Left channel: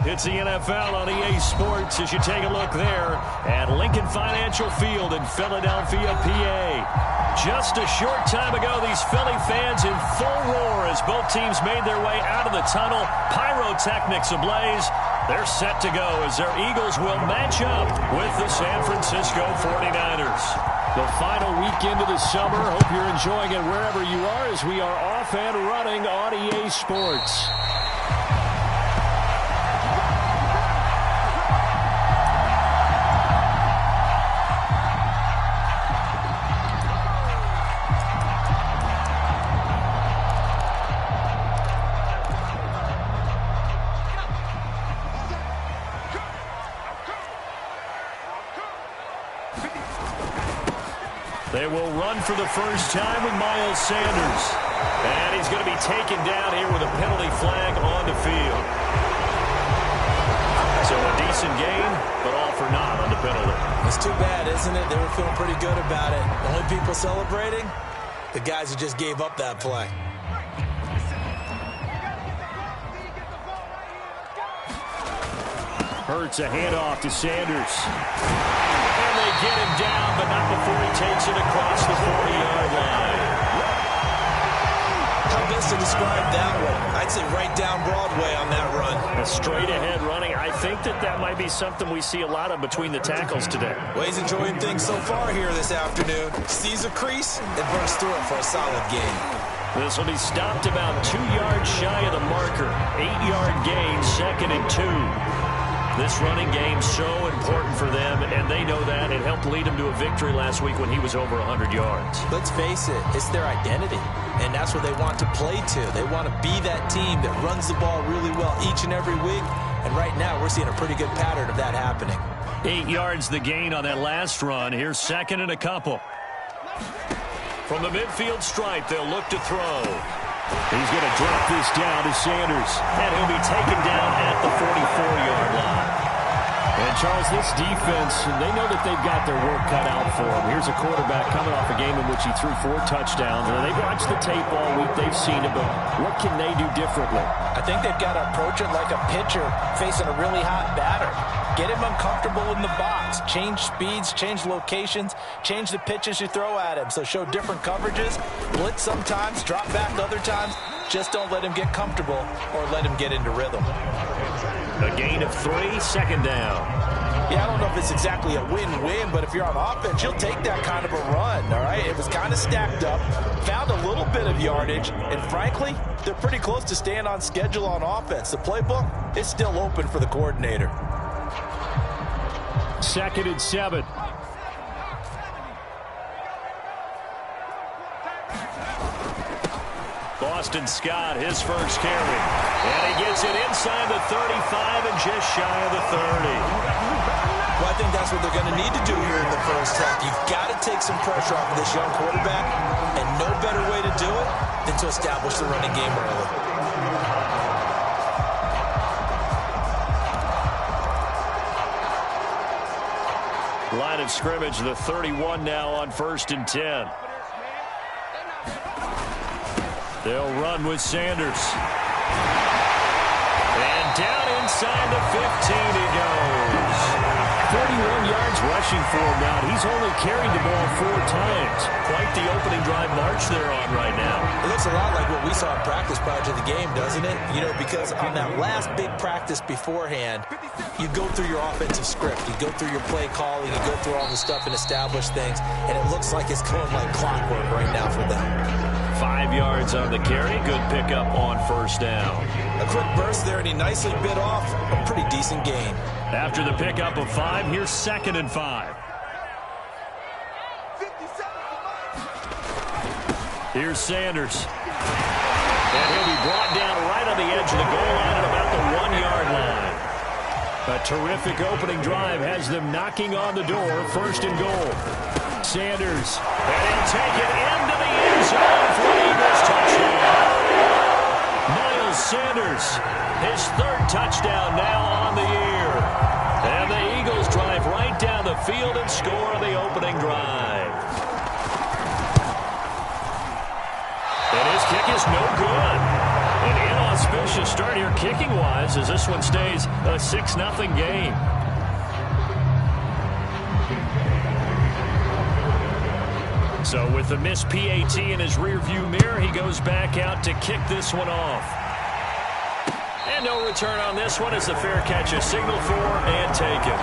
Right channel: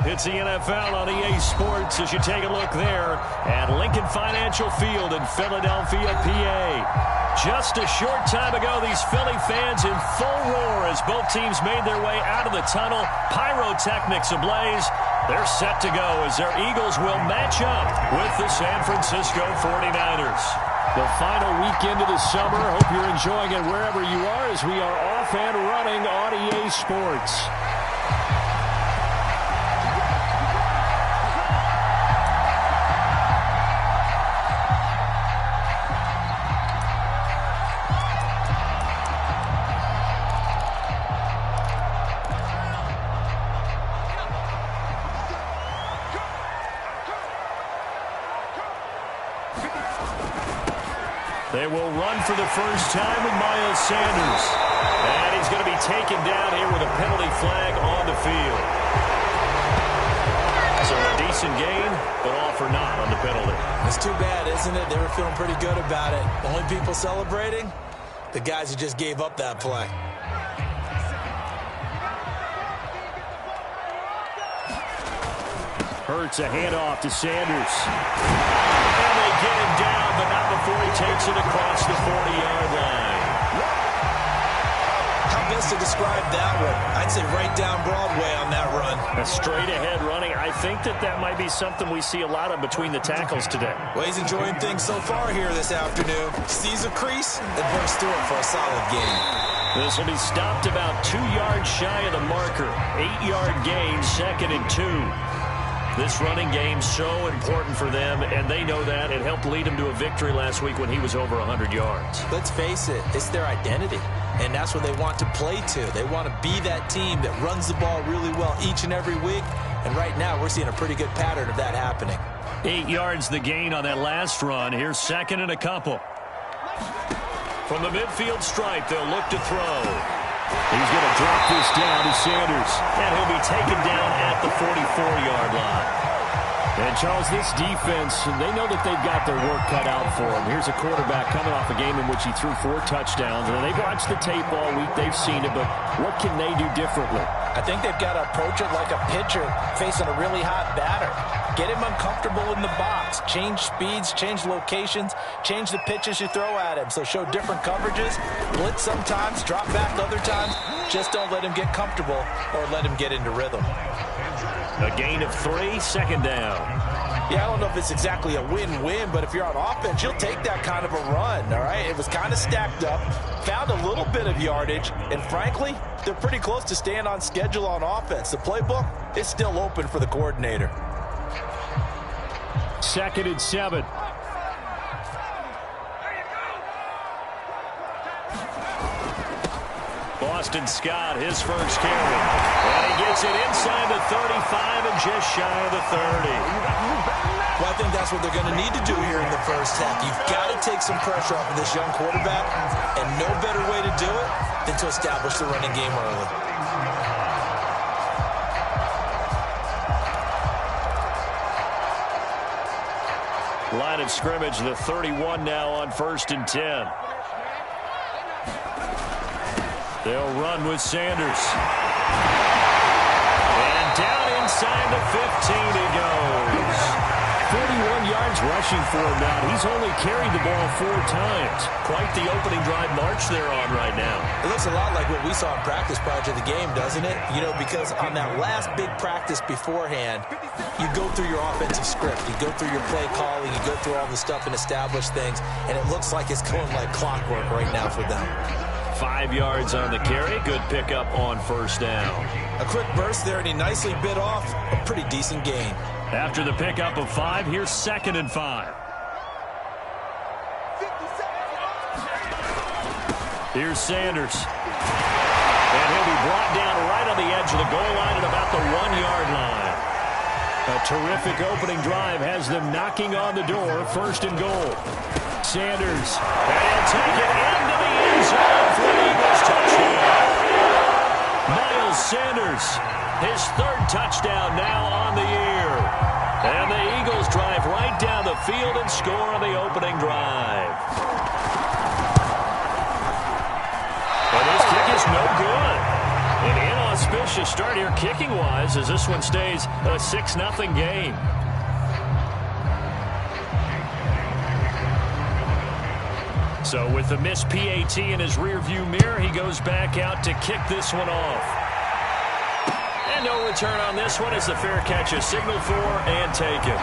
It's the NFL on EA Sports as you take a look there at Lincoln Financial Field in Philadelphia, PA. Just a short time ago, these Philly fans in full roar as both teams made their way out of the tunnel. Pyrotechnics ablaze. They're set to go as their Eagles will match up with the San Francisco 49ers. The final weekend of the summer. Hope you're enjoying it wherever you are as we are off and running on EA Sports. They will run for the first time with Miles Sanders. And he's going to be taken down here with a penalty flag on the field. So a decent gain, but all for naught on the penalty. It's too bad, isn't it? They were feeling pretty good about it. Only people celebrating? The guys who just gave up that play. Hurts a handoff to Sanders. And they get him down, but not before he takes it across the 40-yard line. How best to describe that one? I'd say right down Broadway on that run. A straight-ahead running. I think that might be something we see a lot of between the tackles today. Well, he's enjoying things so far here this afternoon. Sees a crease and bursts through it for a solid gain. This will be stopped about 2 yards shy of the marker. 8-yard gain, 2nd and 2. This running game so important for them, and they know that. It helped lead them to a victory last week when he was over 100 yards. Let's face it, it's their identity, and that's what they want to play to. They want to be that team that runs the ball really well each and every week, and right now we're seeing a pretty good pattern of that happening. 8 yards the gain on that last run. Here's 2nd and a couple. From the midfield stripe, they'll look to throw. He's going to drop this down to Sanders, and he'll be taken down at the 44-yard line. And, Charles, this defense, they know that they've got their work cut out for them. Here's a quarterback coming off a game in which he threw 4 touchdowns. And they've watched the tape all week. They've seen it, but what can they do differently? I think they've got to approach it like a pitcher facing a really hot batter. Get him uncomfortable in the box. Change speeds, change locations, change the pitches you throw at him. So show different coverages. Blitz sometimes, drop back other times. Just don't let him get comfortable or let him get into rhythm. A gain of 3, 2nd down. Yeah, I don't know if it's exactly a win-win, but if you're on offense, you'll take that kind of a run, all right? It was kind of stacked up, found a little bit of yardage, and frankly, they're pretty close to staying on schedule on offense. The playbook is still open for the coordinator. 2nd and 7. Boston Scott, his first carry. And he gets it inside the 35 and just shy of the 30. Well, I think that's what they're going to need to do here in the first half. You've got to take some pressure off of this young quarterback, and no better way to do it than to establish the running game early. Line of scrimmage, the 31 now on 1st and 10. They'll run with Sanders. And down inside the 15 he goes. 41 yards rushing for him now. He's only carried the ball 4 times. Quite the opening drive march they're on right now. It looks a lot like what we saw in practice prior to the game, doesn't it? You know, because on that last big practice beforehand, you go through your offensive script. You go through your play calling. You go through all the stuff and establish things. And it looks like it's going like clockwork right now for them. 5 yards on the carry. Good pickup on 1st down. A quick burst there, and he nicely bit off a pretty decent gain. After the pickup of 5, here's 2nd and 5. Here's Sanders. And he'll be brought down right on the edge of the goal line at about the 1-yard line. A terrific opening drive has them knocking on the door. 1st and goal. Sanders. And he'll take it into the end zone for an Eagles touchdown. Miles Sanders, his 3rd touchdown now on the year. And the Eagles drive right down the field and score on the opening drive. And his kick is no good. An inauspicious cautious start here kicking-wise as this one stays a 6-0 game. So with the missed PAT in his rearview mirror, he goes back out to kick this one off. And no return on this one as the fair catch is signaled for and taken.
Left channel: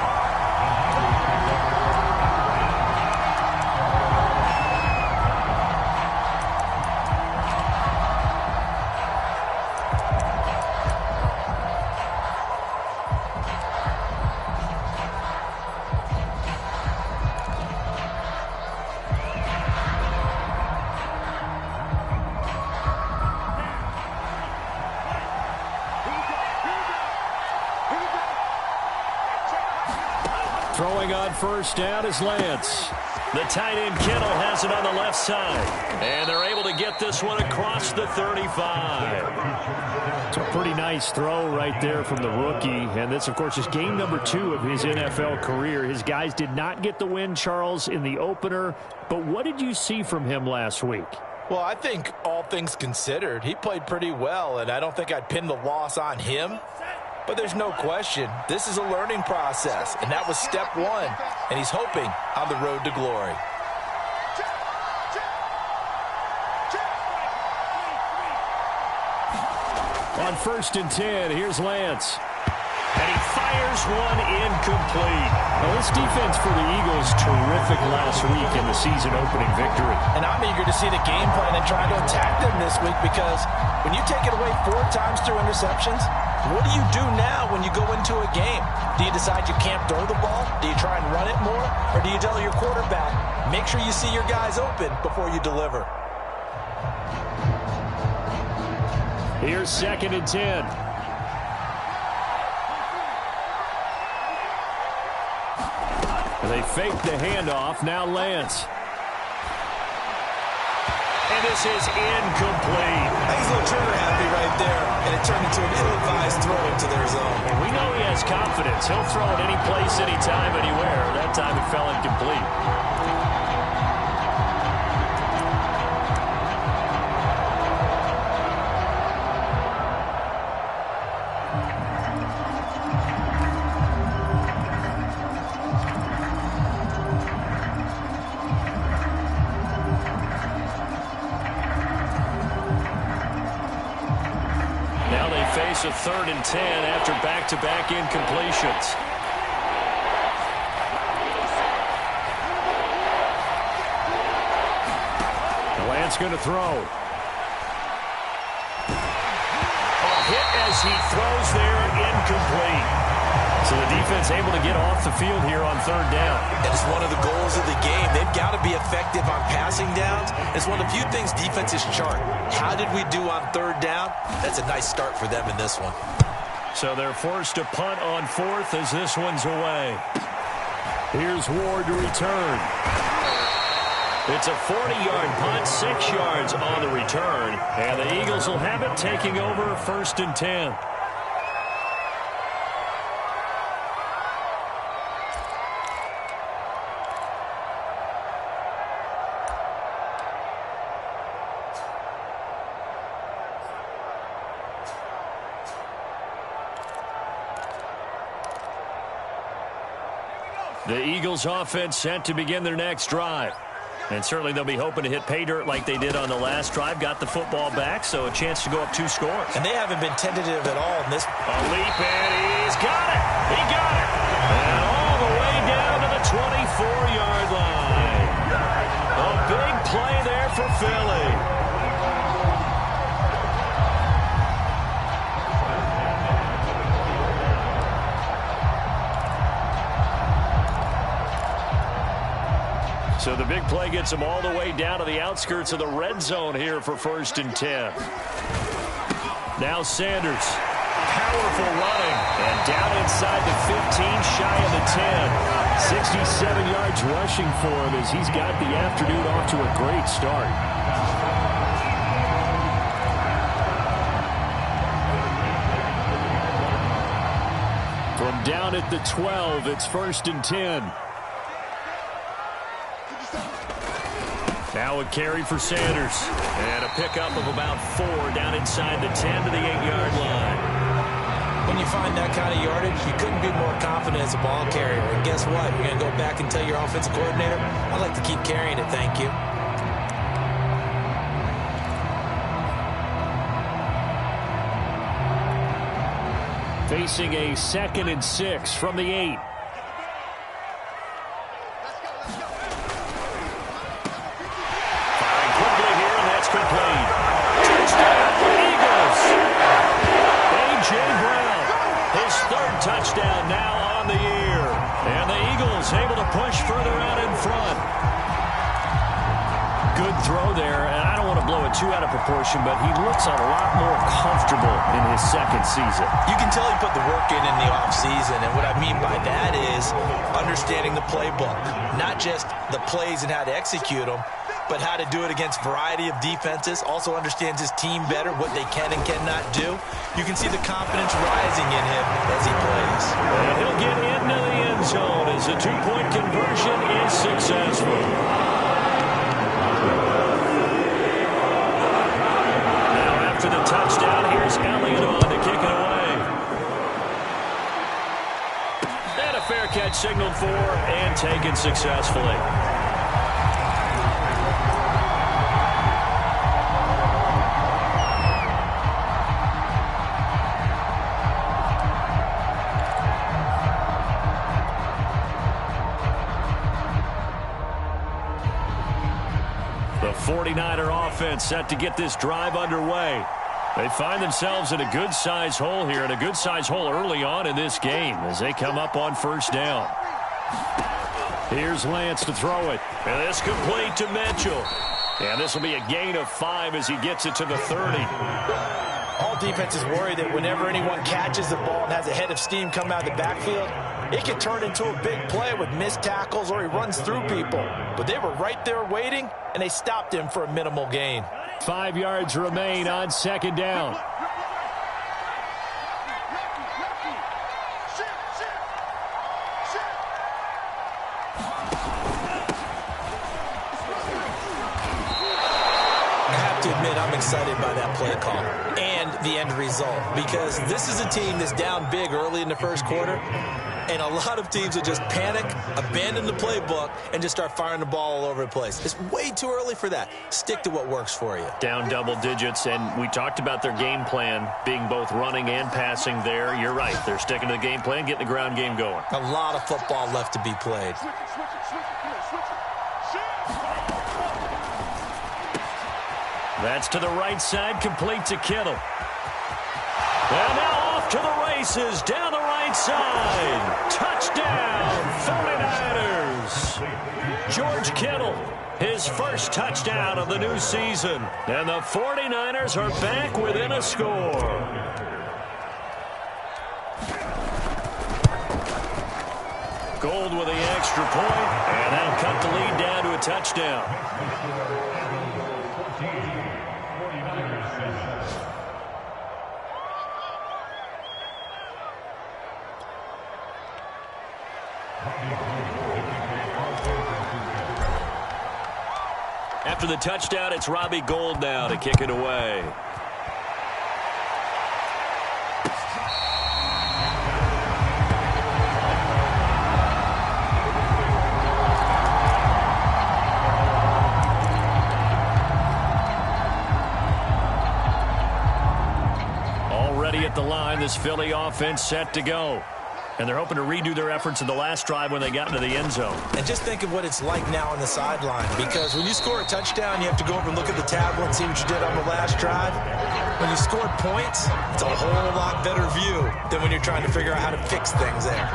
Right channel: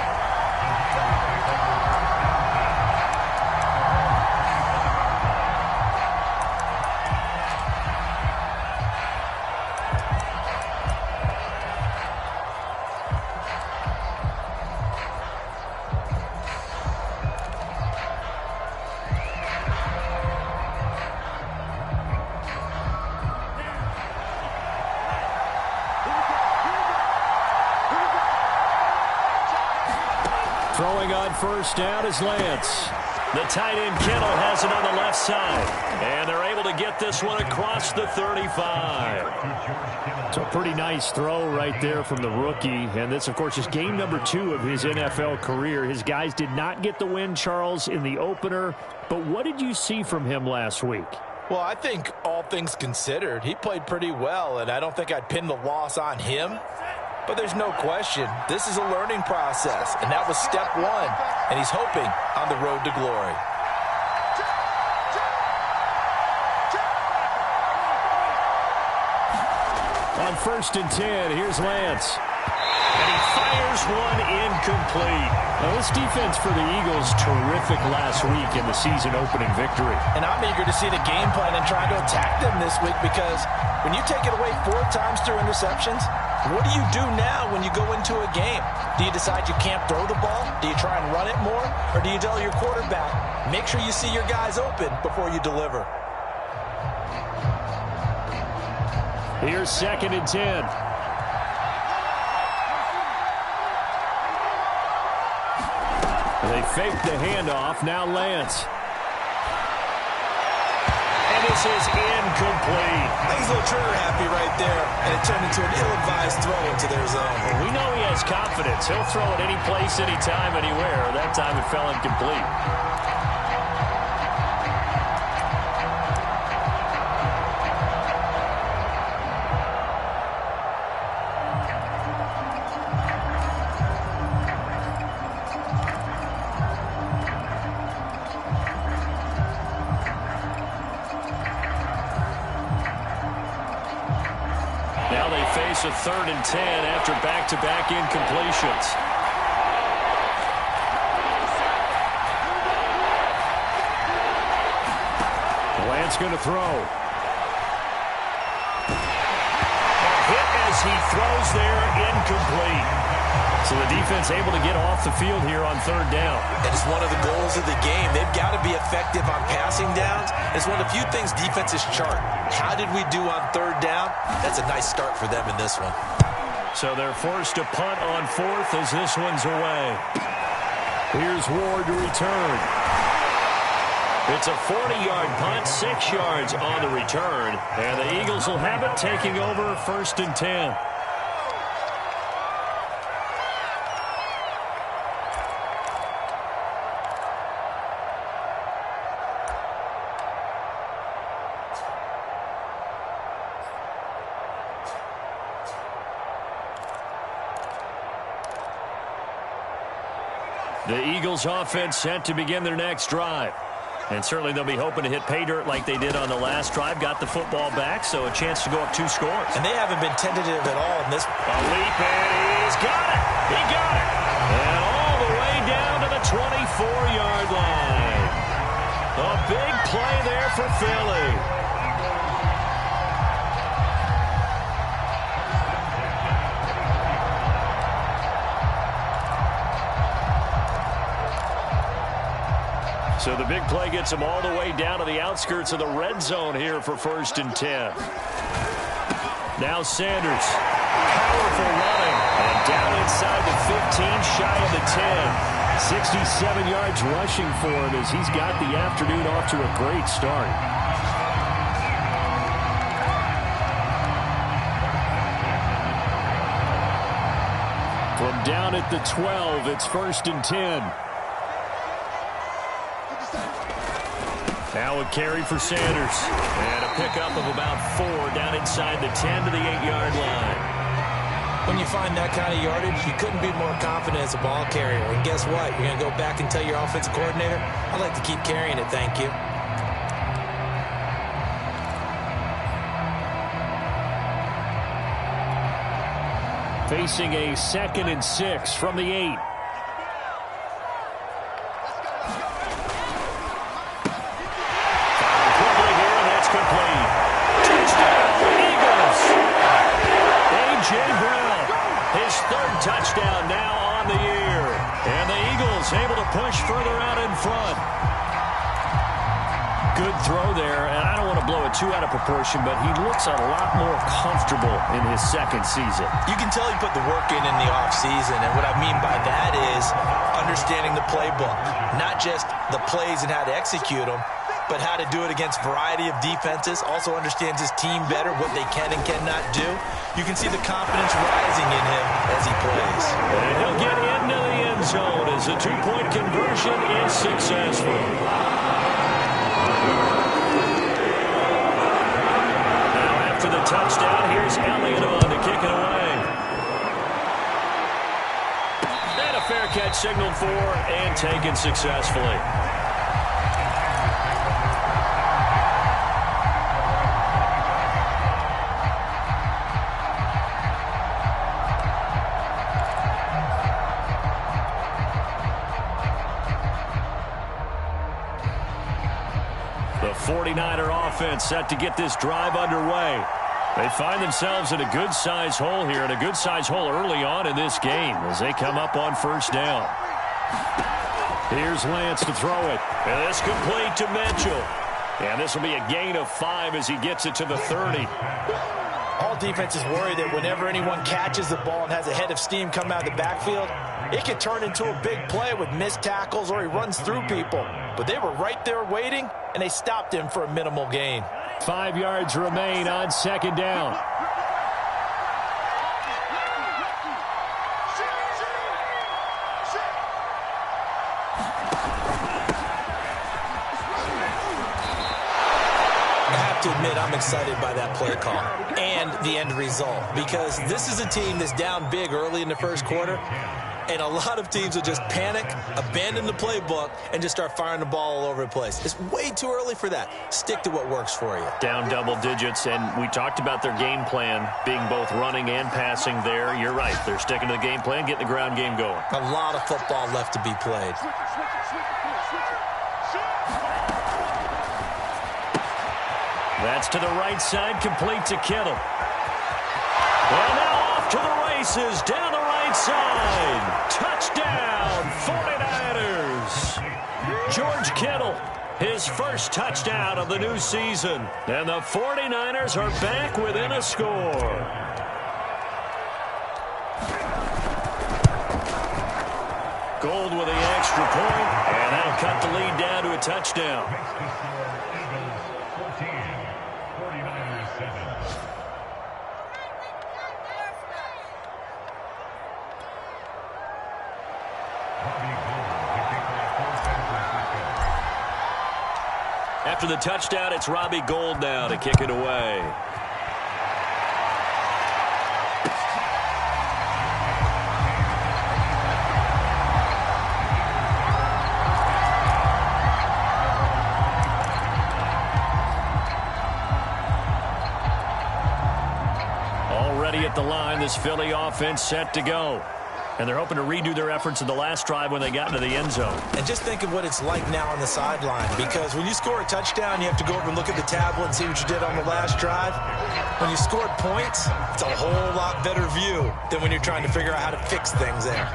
Throwing on first down is Lance. The tight end Kittle has it on the left side. And they're able to get this one across the 35. So a pretty nice throw right there from the rookie. And this, of course, is game number 2 of his NFL career. His guys did not get the win, Charles, in the opener. But what did you see from him last week? Well, I think all things considered, he played pretty well. And I don't think I'd pin the loss on him. But there's no question, this is a learning process, and that was step 1, and he's hoping on the road to glory. On 1st and 10, here's Lance. And he fires one incomplete. Now, this defense for the Eagles, terrific last week in the season-opening victory. And I'm eager to see the game plan and try to attack them this week because when you take it away 4 times through interceptions, what do you do now when you go into a game? Do you decide you can't throw the ball? Do you try and run it more? Or do you tell your quarterback, make sure you see your guys open before you deliver? Here's 2nd and 10. They fake the handoff. Now Lance. And this is incomplete. I think he's a little trigger happy right there, and it turned into an ill-advised throw into their zone. Well, we know he has confidence. He'll throw it any place, anytime, anywhere. That time it fell incomplete. Now they face a 3rd and 10 after back-to-back incompletions. Lance going to throw. Hit as he throws there, incomplete. So the defense able to get off the field here on 3rd down. And it's one of the goals of the game. They've got to be effective on passing downs. It's one of the few things defenses chart. How did we do on 3rd down? That's a nice start for them in this one. So they're forced to punt on 4th as this one's away. Here's Ward to return. It's a 40-yard punt, 6 yards on the return. And the Eagles will have it, taking over 1st and 10. The Eagles offense set to begin their next drive. And certainly they'll be hoping to hit pay dirt like they did on the last drive. Got the football back, so a chance to go up 2 scores. And they haven't been tentative at all in this. A leap, and he's got it. He got it. And all the way down to the 24-yard line. A big play there for Philly. So the big play gets them all the way down to the outskirts of the red zone here for 1st and 10. Now Sanders. Powerful running. And down inside the 15, shy of the 10. 67 yards rushing for him as he's got the afternoon off to a great start. From down at the 12, it's 1st and 10. Now a carry for Sanders. And a pickup of about 4 down inside the 10 to the 8-yard line. When you find that kind of yardage, you couldn't be more confident as a ball carrier. And guess what? You're going to go back and tell your offensive coordinator, I'd like to keep carrying it, thank you. Facing a 2nd and 6 from the 8. Firing quickly here, and that's complete. Touchdown, Eagles! A.J. Brown, his 3rd touchdown now on the year. And the Eagles able to push further out in front. Good throw there, and I don't want to blow it too out of proportion, but he looks a lot more comfortable in his 2nd season. You can tell he put the work in the offseason, and what I mean by that is understanding the playbook. Not just the plays and how to execute them, but how to do it against a variety of defenses. Also understands his team better, what they can and cannot do. You can see the confidence rising in him as he plays. And he'll get into the end zone as the 2-point conversion is successful. For the touchdown, here's Elliott on to kick it away. And a fair catch signaled for and taken successfully. The 49er offense set to get this drive underway. They find themselves in a good-sized hole here, and a good-sized hole early on in this game as they come up on 1st down. Here's Lance to throw it. And this complete to Mitchell. And this will be a gain of 5 as he gets it to the 30. All defenses worry that whenever anyone catches the ball and has a head of steam come out of the backfield, it can turn into a big play with missed tackles or he runs through people. But they were right there waiting, and they stopped him for a minimal gain. 5 yards remain on 2nd down. I have to admit, I'm excited by that play call and the end result, because this is a team that's down big early in the 1st quarter, and a lot of teams will just panic, abandon the playbook, and just start firing the ball all over the place. It's way too early for that. Stick to what works for you. Down double digits, and we talked about their game plan being both running and passing there. You're right. They're sticking to the game plan, getting the ground game going. A lot of football left to be played. That's to the right side, complete to Kittle. And now off to the races, down the right side. Touchdown, 49ers. George Kittle, his 1st touchdown of the new season. And the 49ers are back within a score. Gold with the extra point, and that'll cut the lead down to a touchdown. After the touchdown, it's Robbie Gould now to kick it away. Already at the line, this Philly offense set to go. And they're hoping to redo their efforts in the last drive when they got into the end zone. And just think of what it's like now on the sideline, because when you score a touchdown, you have to go over and look at the tablet and see what you did on the last drive. When you scored points, it's a whole lot better view than when you're trying to figure out how to fix things there.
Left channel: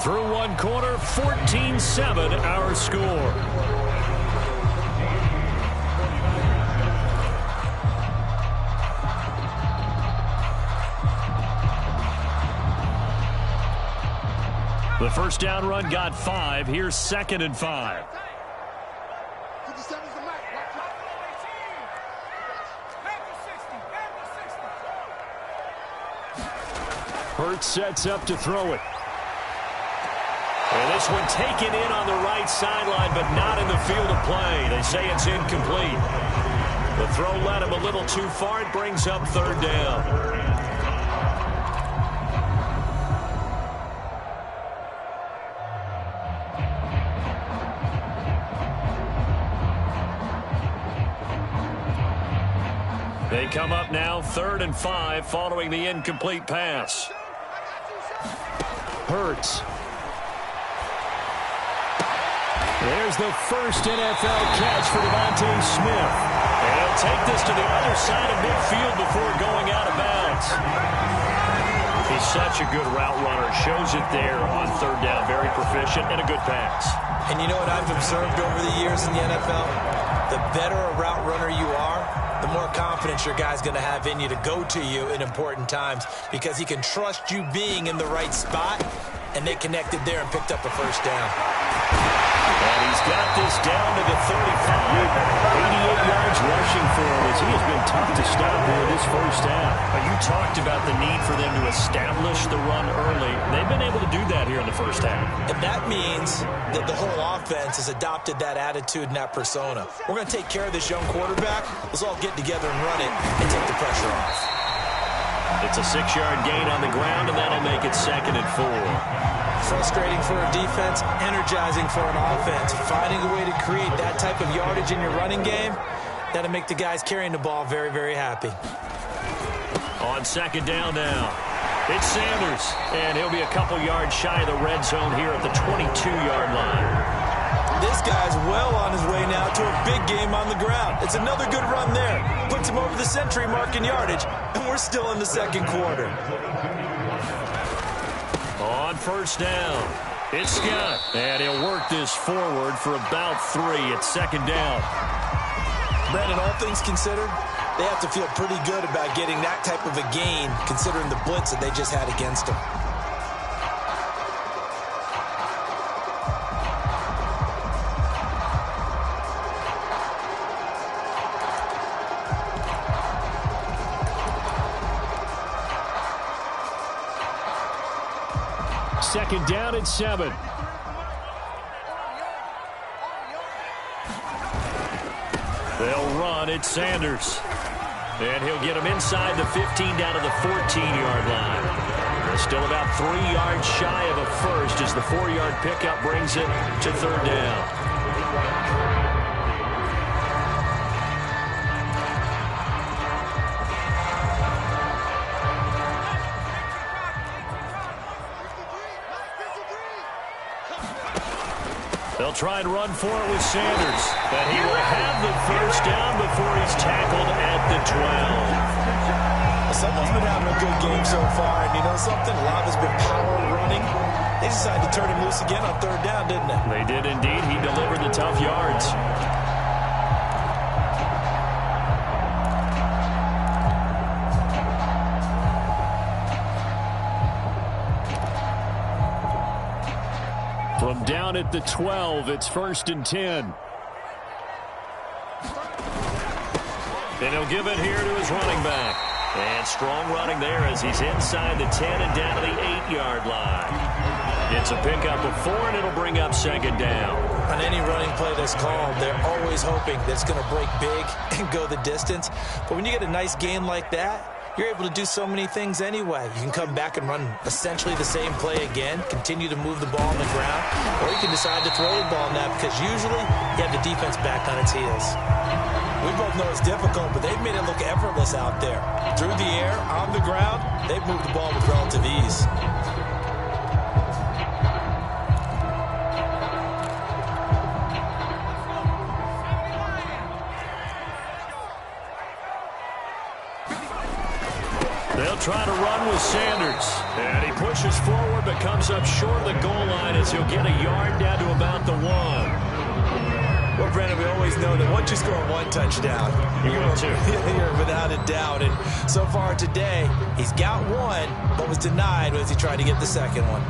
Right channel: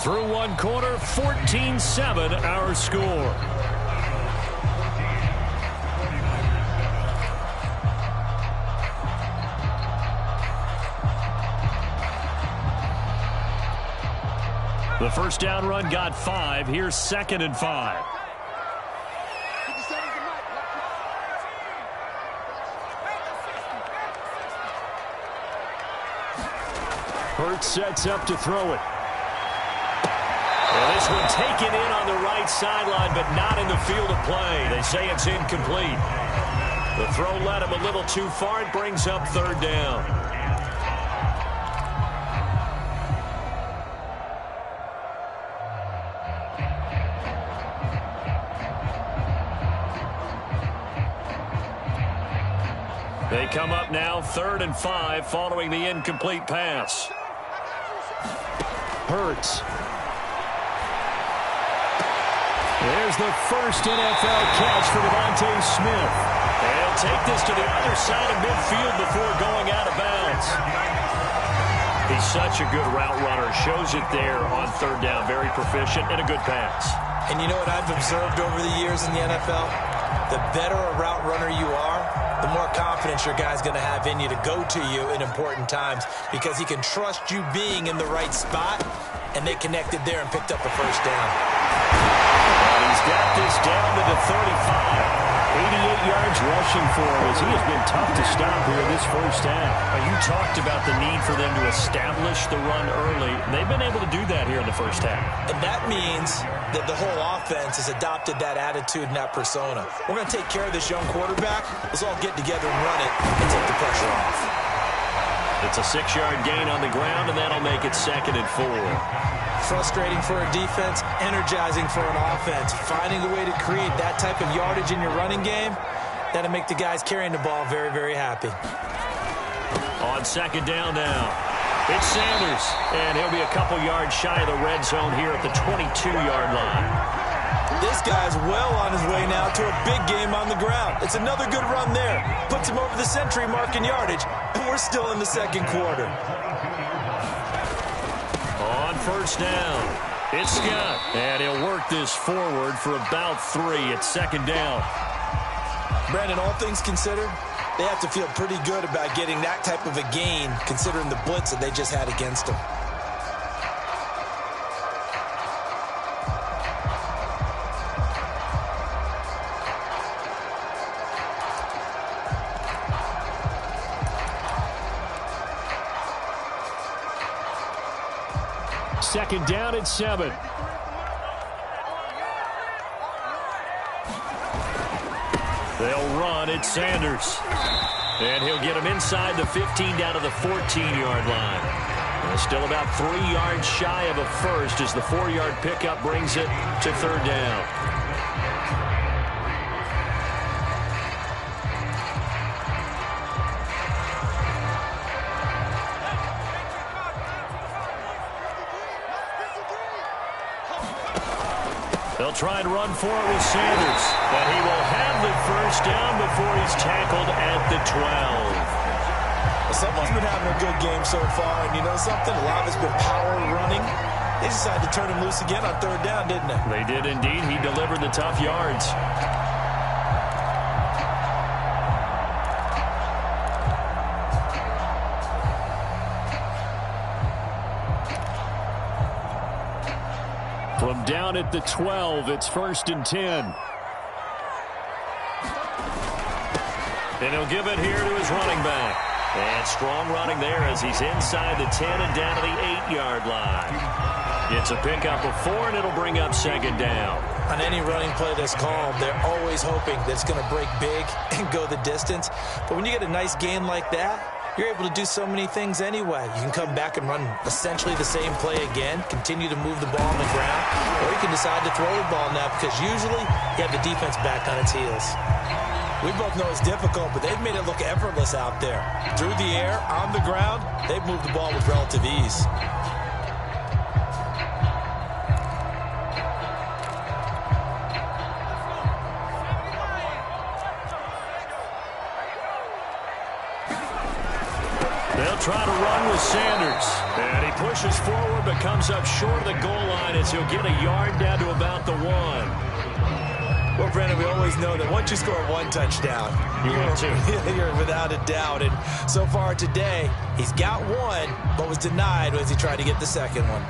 Through 1 quarter, 14-7 our score. The 1st down run got 5. Here's 2nd and 5. Hurts sets up to throw it. And this one taken in on the right sideline, but not in the field of play. They say it's incomplete. The throw led him a little too far. It brings up third down. They come up now 3rd and 5 following the incomplete pass. Hurts. There's the first NFL catch for Devontae Smith. And he'll take this to the other side of midfield before going out of bounds. He's such a good route runner. Shows it there on 3rd down. Very proficient and a good pass. And you know what I've observed over the years in the NFL? The better a route runner you are, the more confidence your guy's going to have in you to go to you in important times because he can trust you being in the right spot, and they connected there and picked up a first down. And he's got this down to the 35. 88 yards rushing for him as he has been tough to stop here this first half. You talked about the need for them to establish the run early. They've been able to do that here in the first half. And that means that the whole offense has adopted that attitude and that persona. We're going to take care of this young quarterback. Let's all get together and run it and take the pressure off. It's a 6-yard gain on the ground, and that'll make it 2nd and 4. Frustrating for a defense, energizing for an offense. Finding a way to create that type of yardage in your running game, that'll make the guys carrying the ball very, very happy. On 2nd down now, it's Sanders, and he'll be a couple yards shy of the red zone here at the 22-yard line. This guy's well on his way now to a big game on the ground. It's another good run there. Puts him over the century mark in yardage, and we're still in the 2nd quarter. On 1st down, it's Scott, and he'll work this forward for about 3. It's 2nd down. Brandon, all things considered, they have to feel pretty good about getting that type of a gain considering the blitz that they just had against them. Second down and 7. They'll run. It's Sanders. And he'll get him inside the 15 down to the 14-yard line. And still about 3 yards shy of a first as the 4-yard pickup brings it to 3rd down. They'll try and run for it with Sanders. And he will have the first down before he's tackled at the 12. Well, someone's been having a good game so far. And you know something? A lot of it's been power running. They decided to turn him loose again on 3rd down, didn't they? They did indeed. He delivered the tough yards. From down at the 12, it's 1st and 10. And he'll give it here to his running back. And strong running there as he's inside the 10 and down to the 8-yard line. It's a pickup of 4, and it'll bring up 2nd down. On any running play that's called, they're always hoping that it's going to break big and go the distance. But when you get a nice gain like that, you're able to do so many things anyway. You can come back and run essentially the same play again, continue to move the ball on the ground, or you can decide to throw the ball now because usually you have the defense back on its heels. We both know it's difficult, but they've made it look effortless out there. Through the air, on the ground, they've moved the ball with relative ease. They'll try to run with Sanders. And he pushes forward but comes up short of the goal line as he'll get a yard down to about the 1. Well, Brandon, we always know that once you score 1 touchdown, you're without a doubt. And so far today, he's got 1, but was denied as he tried to get the 2nd one.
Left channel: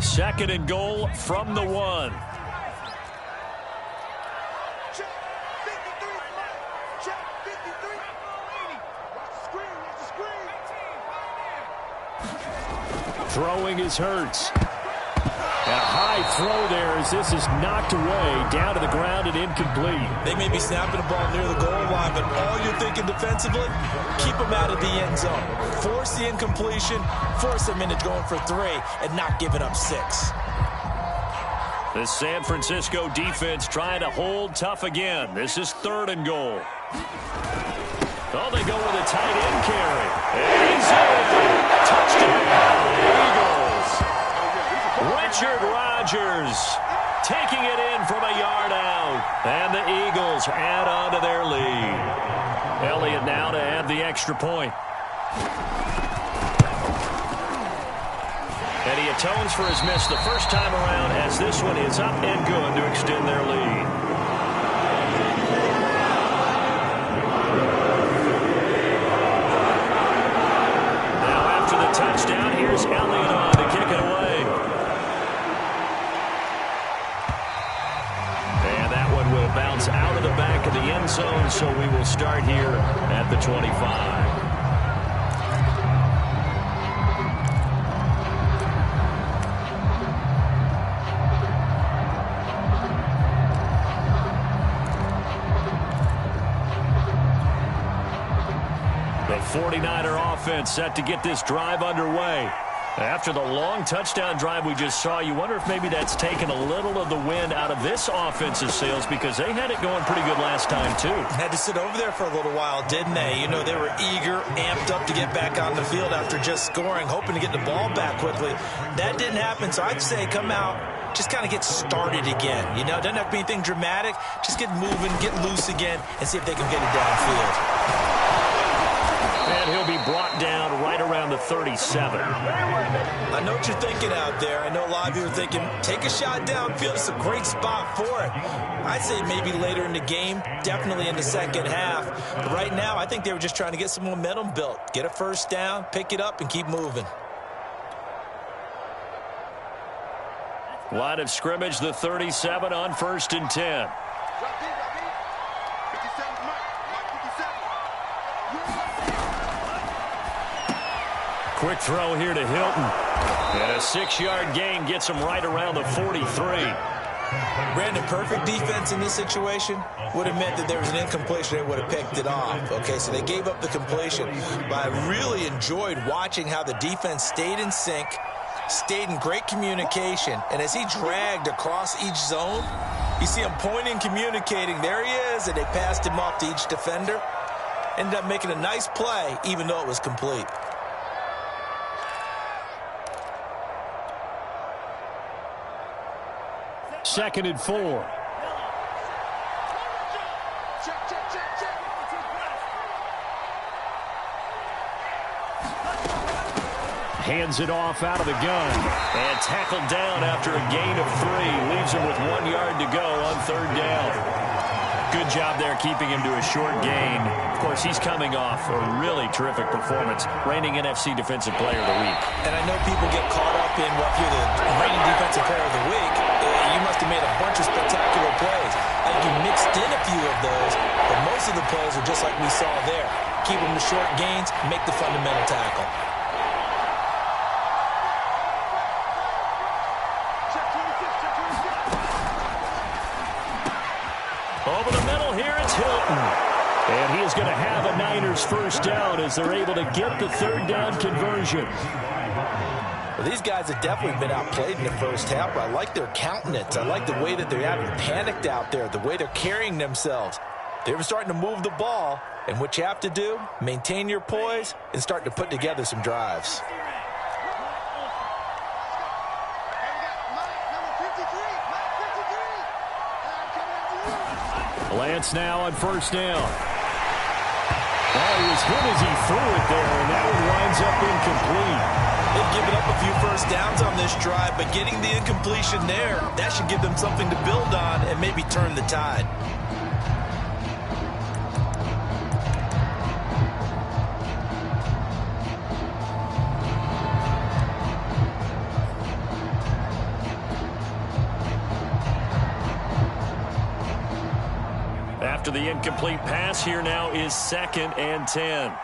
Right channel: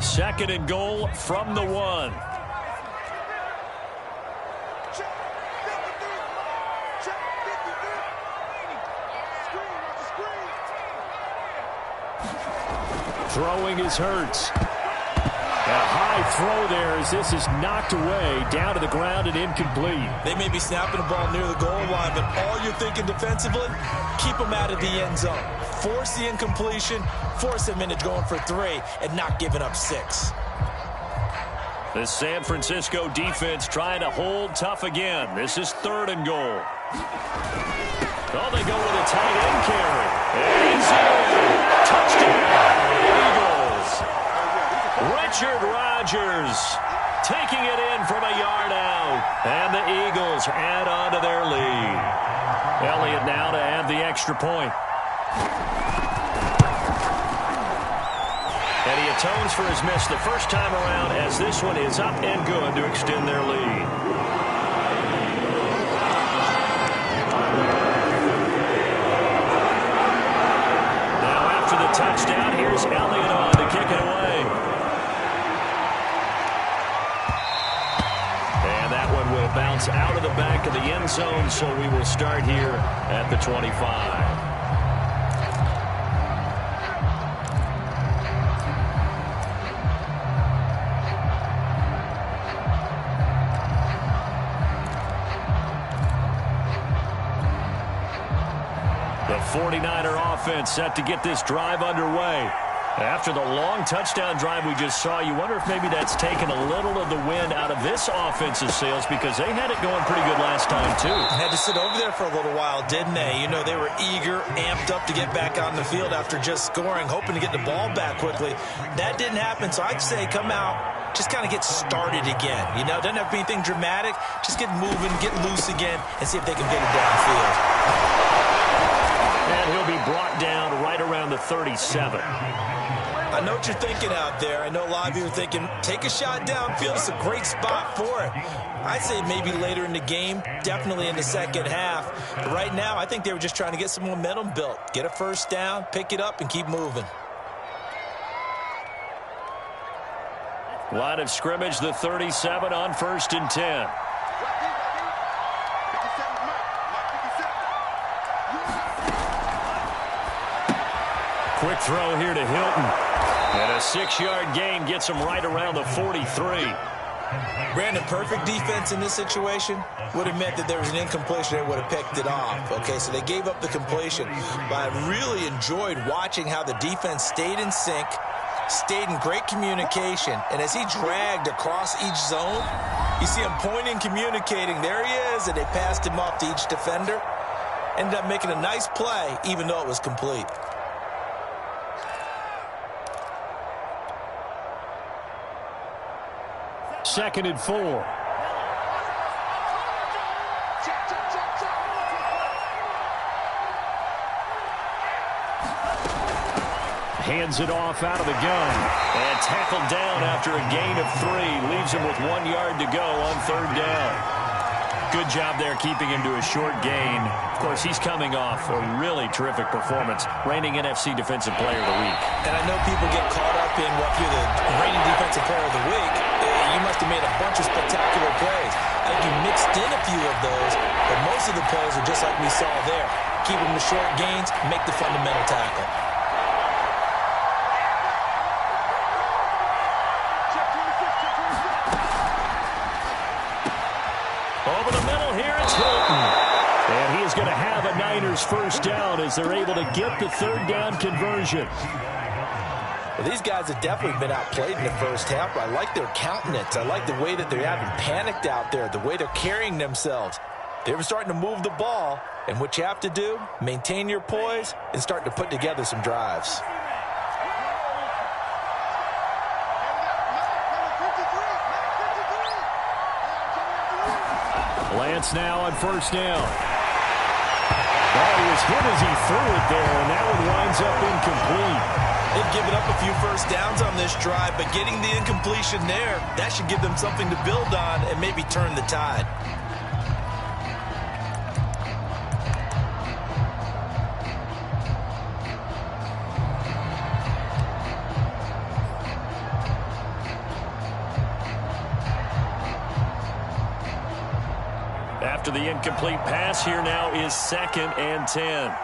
Second and goal from the 1. Throwing is Hurts. A high throw there as this is knocked away, down to the ground and incomplete. They may be snapping the ball near the goal line, but all you're thinking defensively, keep them out of the end zone. Force the incompletion, force them into going for 3 and not giving up 6. The San Francisco defense trying to hold tough again. This is 3rd and goal. Oh, they go with a tight end carry. And he's in. Touchdown, Eagles. Richard Rodgers taking it in from a yard out. And the Eagles add on to their lead. Elliott now to add the extra point. And he atones for his miss the first time around as this one is up and good to extend their lead. Now after the touchdown, here's Elliott on to kick it away. And that one will bounce out of the back of the end zone, so we will start here at the 25. The 49er offense set to get this drive underway. After the long touchdown drive we just saw, you wonder if maybe that's taken a little of the wind out of this offensive sails because they had it going pretty good last time, too. Had to sit over there for a little while, didn't they? You know, they were eager, amped up to get back on the field after just scoring, hoping to get the ball back quickly. That didn't happen, so I'd say come out, just kind of get started again. You know, it doesn't have to be anything dramatic. Just get moving, get loose again, and see if they can get it downfield. And he'll be brought down right around the 37. I know what you're thinking out there. I know a lot of you are thinking, take a shot downfield. It's a great spot for it. I'd say maybe later in the game, definitely in the second half. But right now, I think they were just trying to get some momentum built. Get a first down, pick it up, and keep moving. Line of scrimmage, the 37 on 1st and 10. Quick throw here to Hilton. And a 6-yard gain gets him right around the 43. Brandon, perfect defense in this situation would have meant that there was an incompletion. They would have picked it off. Okay, so they gave up the completion. But I really enjoyed watching how the defense stayed in sync, stayed in great communication. And as he dragged across each zone, you see him pointing, communicating. There he is, and they passed him off to each defender. Ended up making a nice play, even though it was complete. Second and 4. Hands it off out of the gun. And tackled down after a gain of 3. Leaves him with 1 yard to go on 3rd down. Good job there keeping him to a short gain. Of course, he's coming off a really terrific performance. Reigning NFC Defensive Player of the Week. And I know people get caught up in, well, if you're the reigning Defensive Player of the Week, you must have made a bunch of spectacular plays. I think you mixed in a few of those, but most of the plays are just like we saw there. Keep them to short gains, make the fundamental tackle. Over the middle here, it's Hilton. And he is going to have a Niners first down as they're able to get the 3rd down conversion. Well, these guys have definitely been outplayed in the first half, but I like their countenance. I like the way that they're having panicked out there, the way they're carrying themselves. They were starting to move the ball, and what you have to do, maintain your poise and start to put together some drives. Lance now on 1st down. Oh, he was hit as he threw it there, and that one winds up incomplete. They've given up a few first downs on this drive, but getting the incompletion there, that should give them something to build on and maybe turn the tide. After the incomplete pass, here now is 2nd and 10.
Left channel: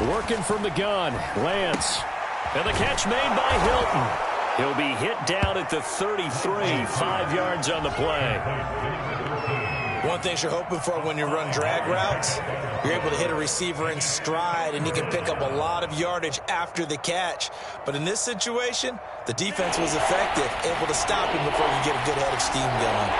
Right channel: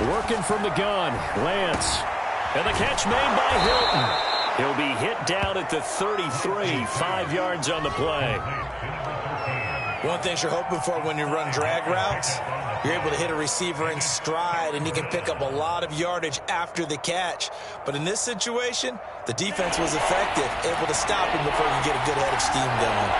Working from the gun, Lance. And the catch made by Hilton. He'll be hit down at the 33, 5 yards on the play. One thing you're hoping for when you run drag routes, you're able to hit a receiver in stride, and he can pick up a lot of yardage after the catch. But in this situation, the defense was effective, able to stop him before you get a good head of steam going.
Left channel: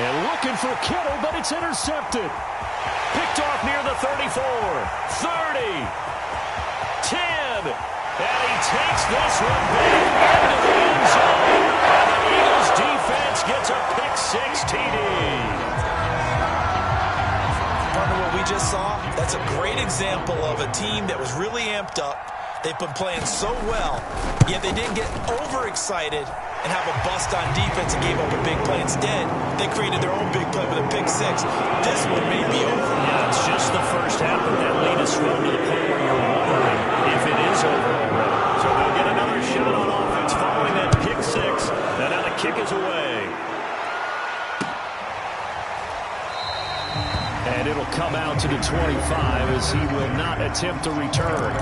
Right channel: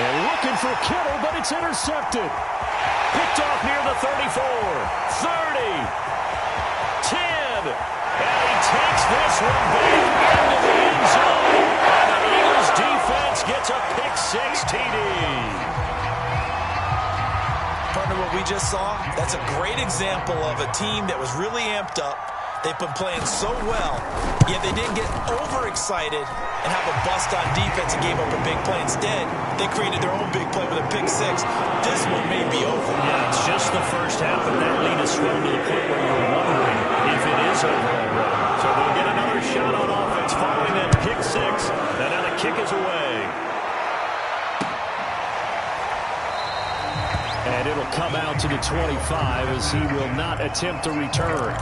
And looking for Kittle, but it's intercepted. Picked off near the 34, 30, 10, and he takes this one back into the end zone, and the Eagles defense gets a pick-6 TD. Partner, what we just saw, that's a great example of a team that was really amped up. They've been playing so well, yet they didn't get overexcited and have a bust on defense and gave up a big play. Instead, they created their own big play with a pick-6. This one may be over. Yeah, it's just the first half, but that lead has swelled to the point where you're wondering if it is over already. So they'll get another shot on offense following that pick-6, and now the kick is away. And it'll come out to the 25 as he will not attempt to return.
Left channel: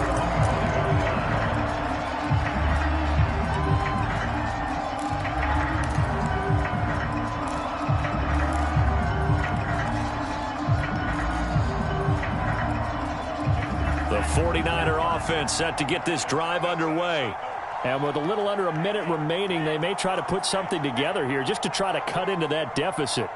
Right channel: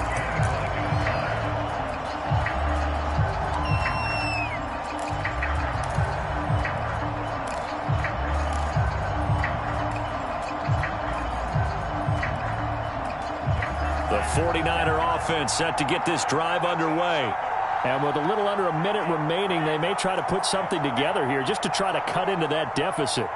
The 49er offense set to get this drive underway. And with a little under a minute remaining, they may try to put something together here just to try to cut into that deficit.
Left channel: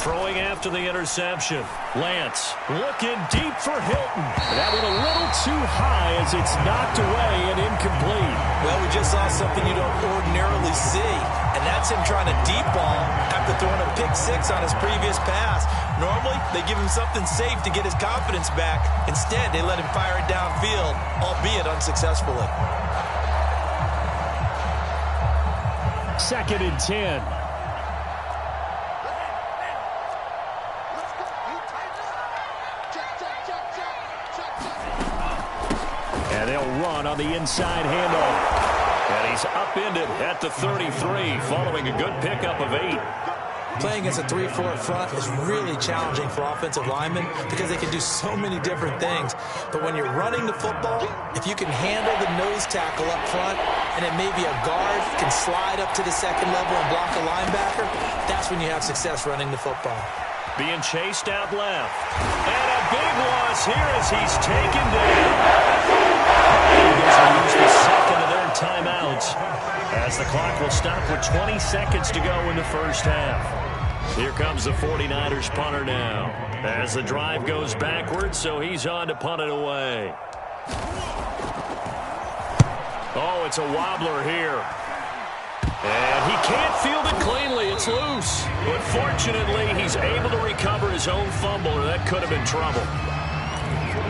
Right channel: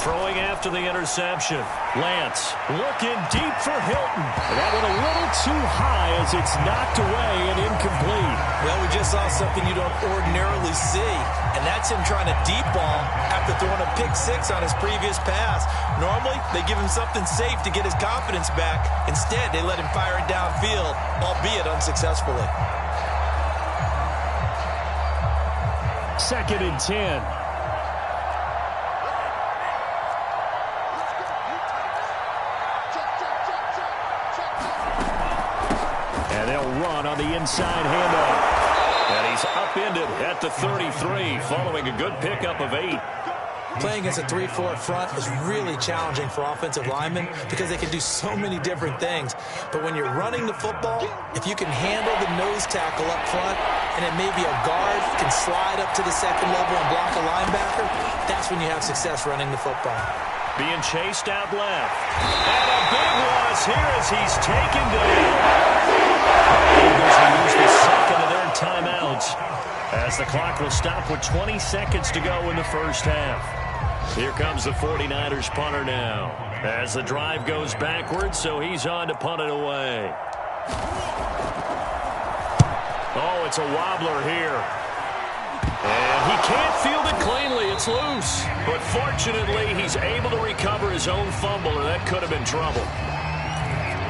Throwing after the interception. Lance looking deep for Hilton. That went a little too high as it's knocked away and incomplete. Well, we just saw something you don't ordinarily see, and that's him trying to deep ball after throwing a pick-6 on his previous pass. Normally, they give him something safe to get his confidence back. Instead, they let him fire it downfield, albeit unsuccessfully. 2nd and 10. And they'll run on the inside handoff. And he's upended at the 33 following a good pickup of 8. Playing against a 3-4 front is really challenging for offensive linemen because they can do so many different things. But when you're running the football, if you can handle the nose tackle up front and then maybe a guard can slide up to the second level and block a linebacker, that's when you have success running the football. Being chased out left. And a big loss here as he's taken down. The Eagles will use the second of their timeouts as the clock will stop with 20 seconds to go in the first half. Here comes the 49ers punter now as the drive goes backwards, so he's on to punt it away. Oh, it's a wobbler here. And he can't field it cleanly. It's loose. But fortunately, he's able to recover his own fumble, or that could have been trouble.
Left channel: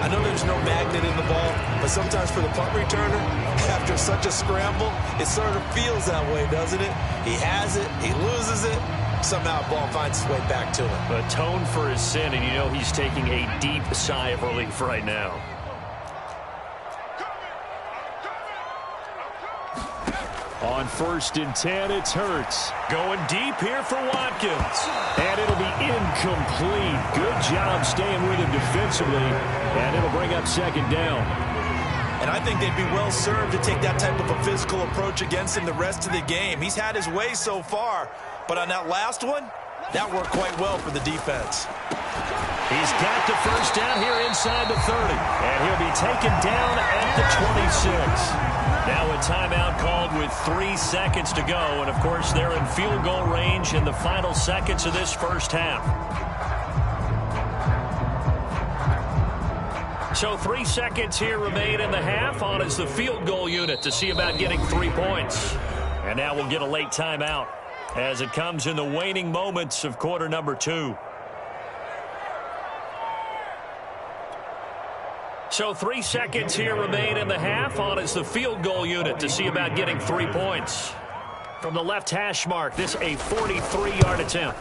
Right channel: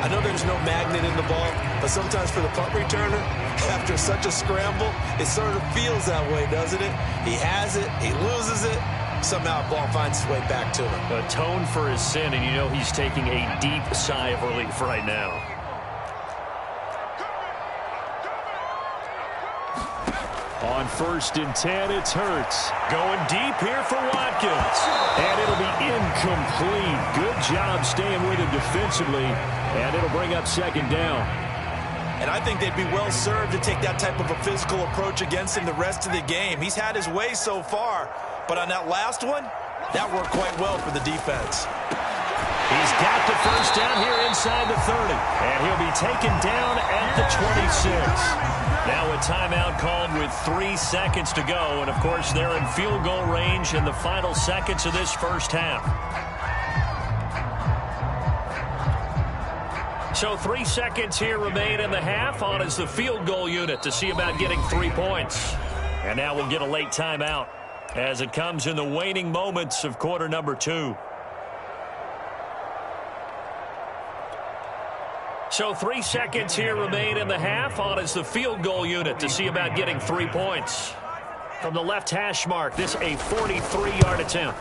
I know there's no magnet in the ball, but sometimes for the punt returner, after such a scramble, it sort of feels that way, doesn't it? He has it, he loses it, somehow the ball finds its way back to him. Atone for his sin, and you know he's taking a deep sigh of relief right now. On 1st and 10, it's Hurts. Going deep here for Watkins. And it'll be incomplete. Good job staying with him defensively. And it'll bring up 2nd down. And I think they'd be well served to take that type of a physical approach against him the rest of the game. He's had his way so far. But on that last one, that worked quite well for the defense. He's got the first down here inside the 30. And he'll be taken down at the 26. Now a timeout called with 3 seconds to go. And, of course, they're in field goal range in the final seconds of this first half. So 3 seconds here remain in the half. On is the field goal unit to see about getting 3 points. And now we'll get a late timeout as it comes in the waning moments of quarter number 2. So 3 seconds here remain in the half. On is the field goal unit to see about getting 3 points. From the left hash mark, this a 43-yard attempt.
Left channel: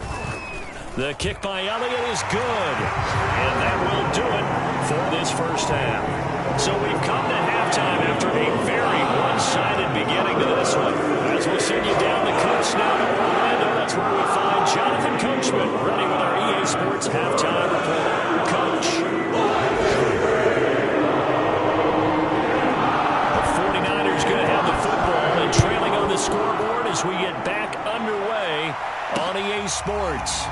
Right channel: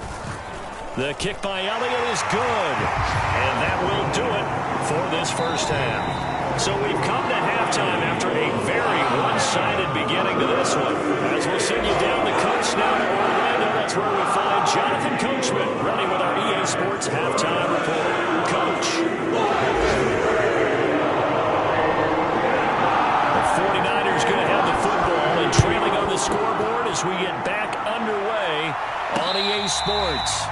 The kick by Elliott is good. And that will do it for this first half. So we've come to halftime after a very one-sided beginning to this one. As we'll send you down the coast now to Orlando, that's where we find Jonathan Coachman ready with our EA Sports Halftime Report. Coach. The 49ers going to have the football and trailing on the scoreboard as we get back underway on EA Sports.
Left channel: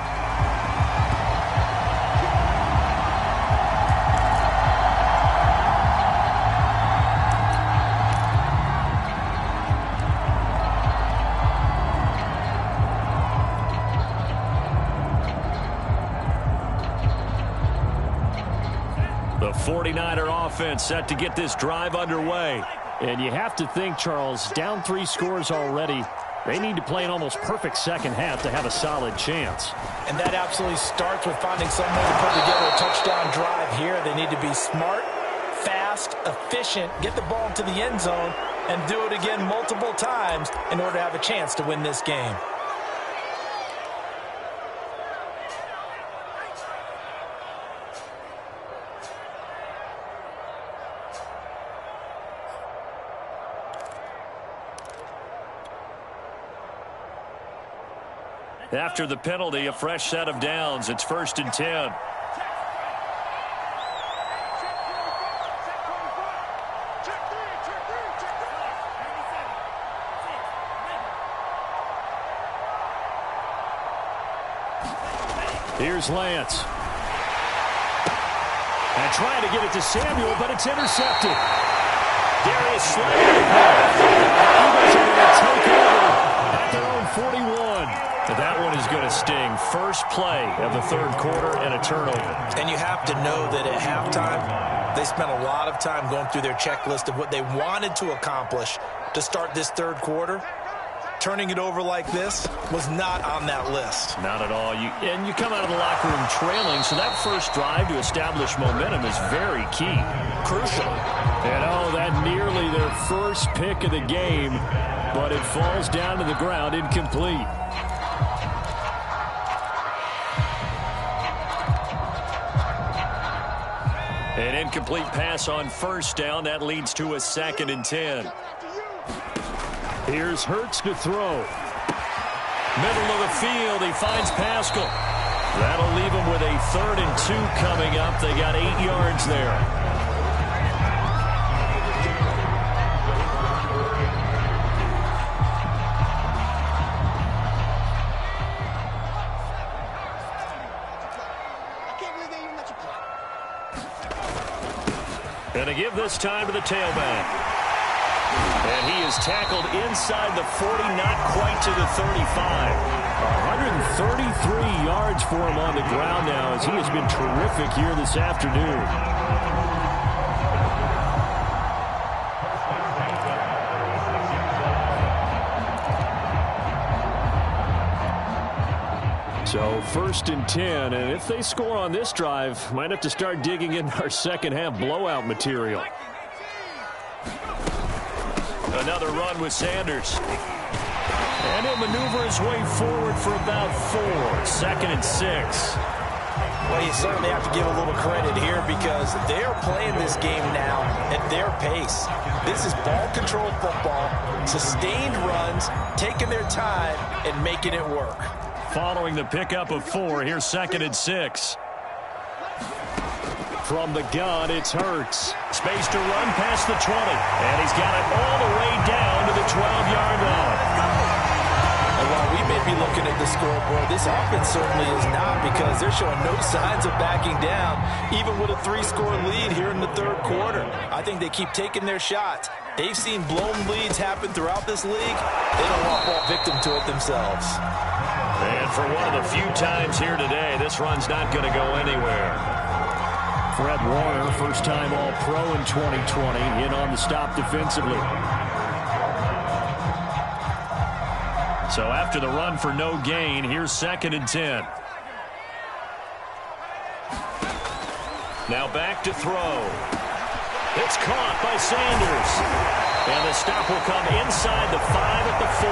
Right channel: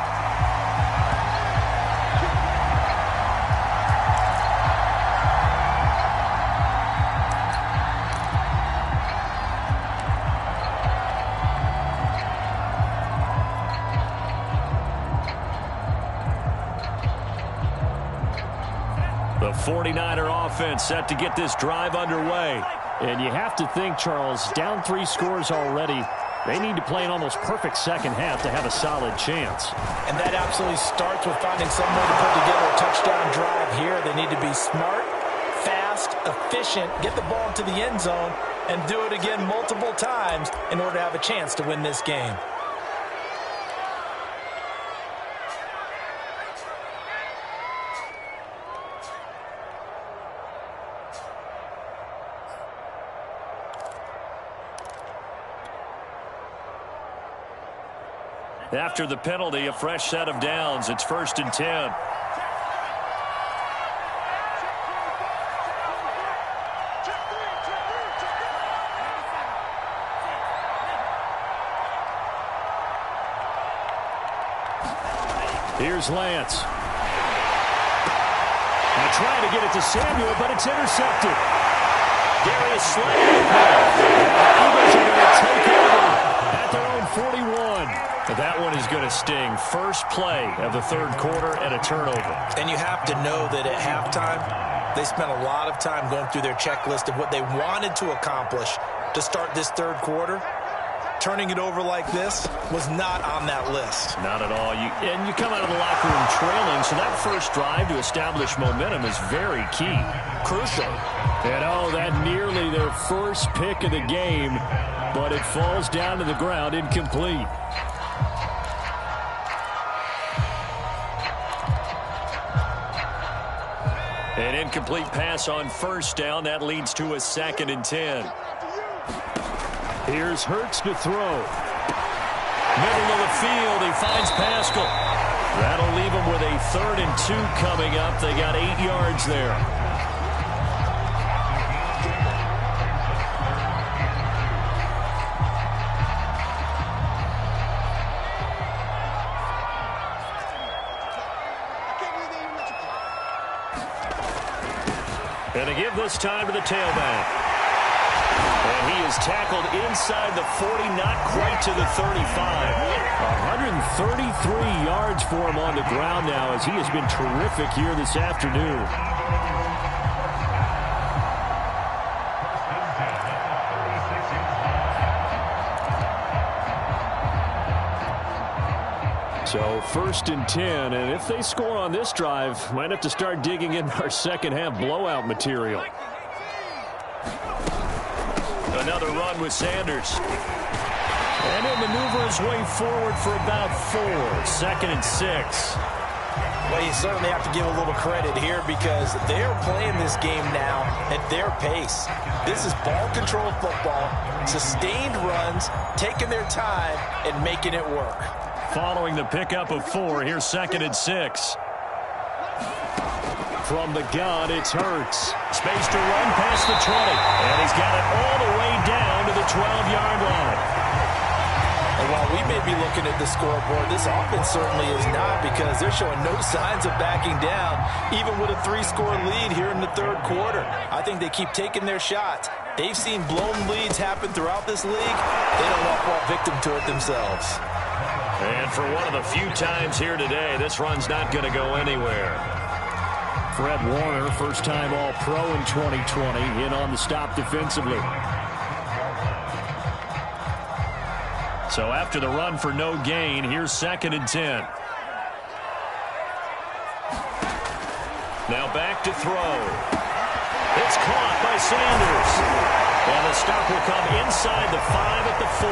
The 49er offense set to get this drive underway. And you have to think, Charles, down 3 scores already. They need to play an almost perfect second half to have a solid chance. And that absolutely starts with finding some way to put together a touchdown drive here. They need to be smart, fast, efficient, get the ball into the end zone, and do it again multiple times in order to have a chance to win this game. After the penalty, a fresh set of downs. It's 1st and 10. Here's Lance. And trying to get it to Samuel, but it's intercepted. Darius Slay. Eagles are going to take over at their own 41. But that one is going to sting. First play of the 3rd quarter and a turnover. And you have to know that at halftime, they spent a lot of time going through their checklist of what they wanted to accomplish to start this 3rd quarter. Turning it over like this was not on that list. Not at all. And you come out of the locker room trailing, so that first drive to establish momentum is very key. Crucial. And that nearly their first pick of the game, but it falls down to the ground incomplete. An incomplete pass on 1st down. That leads to a 2nd and 10. Here's Hurts to throw. Middle of the field. He finds Pascal. That'll leave him with a 3rd and 2 coming up. They got 8 yards there. And to give this time to the tailback. And he is tackled inside the 40, not quite to the 35. 133 yards for him on the ground now as he has been terrific here this afternoon. So 1st and 10, and if they score on this drive, might have to start digging in our second half blowout material. Another run with Sanders. And he'll maneuver his way forward for about 4. 2nd and 6. Well, you certainly have to give a little credit here because they are playing this game now at their pace. This is ball control football, sustained runs, taking their time, and making it work. Following the pickup of 4, here's 2nd and 6. From the gun, it's Hurts. Space to run past the 20. And he's got it all the way down to the 12-yard line. And while we may be looking at the scoreboard, this offense certainly is not because they're showing no signs of backing down, even with a 3-score lead here in the 3rd quarter. I think they keep taking their shots. They've seen blown leads happen throughout this league. They don't want to fall victim to it themselves. And for one of the few times here today, this run's not going to go anywhere. Fred Warner, first-time All-Pro in 2020, in on the stop defensively. So after the run for no gain, here's 2nd and 10. Now back to throw. This It's caught by Sanders. And the stop will come inside the 5 at the 4.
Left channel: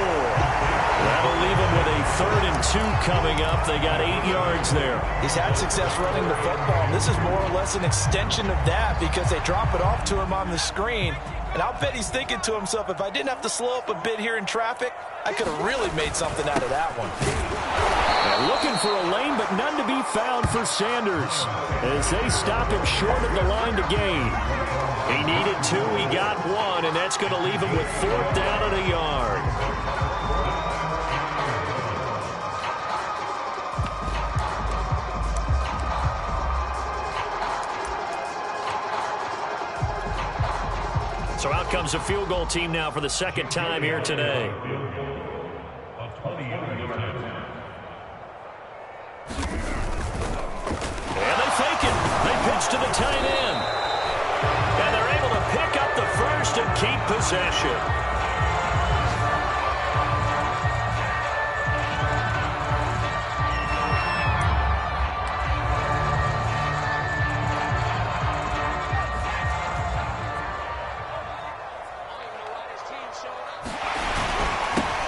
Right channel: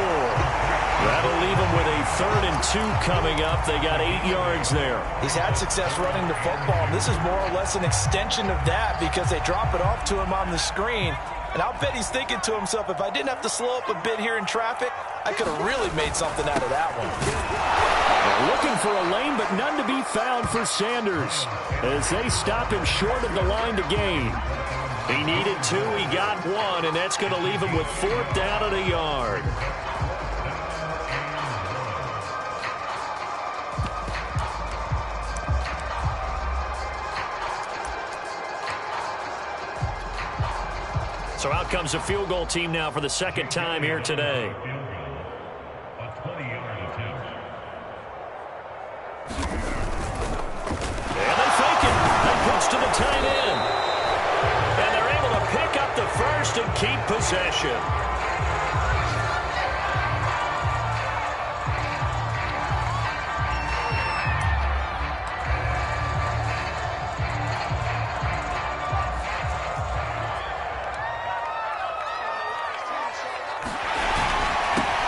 That'll leave him with a 3rd and 2 coming up. They got 8 yards there. He's had success running the football, and this is more or less an extension of that because they drop it off to him on the screen. And I'll bet he's thinking to himself, if I didn't have to slow up a bit here in traffic, I could have really made something out of that one. They're looking for a lane, but none to be found for Sanders as they stop him short of the line to gain. He needed 2, he got 1, and that's going to leave him with 4th down and a yard. So out comes a field goal team now for the 2nd time here today. And they fake it. They pitch to the tight end. And they're able to pick up the 1st and keep possession.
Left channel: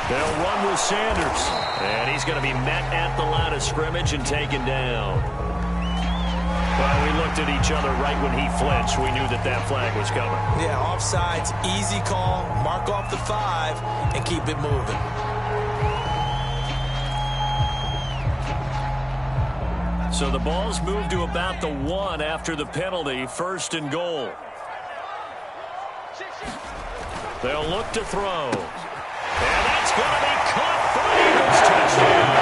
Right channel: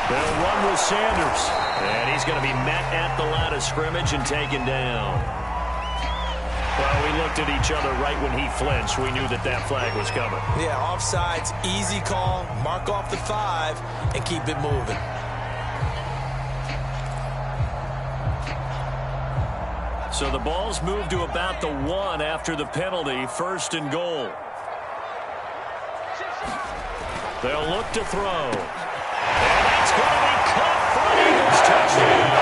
They'll run with Sanders. And he's going to be met at the line of scrimmage and taken down. Well, we looked at each other right when he flinched. We knew that that flag was coming. Yeah, offsides, easy call. Mark off the 5 and keep it moving. So the ball's moved to about the 1 after the penalty. 1st and goal. They'll look to throw. And that's going to be caught for an Eagles touchdown.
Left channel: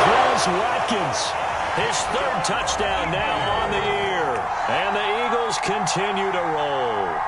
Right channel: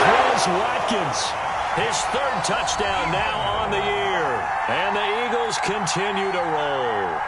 Chris Watkins. His 3rd touchdown now on the year. And the Eagles continue to roll.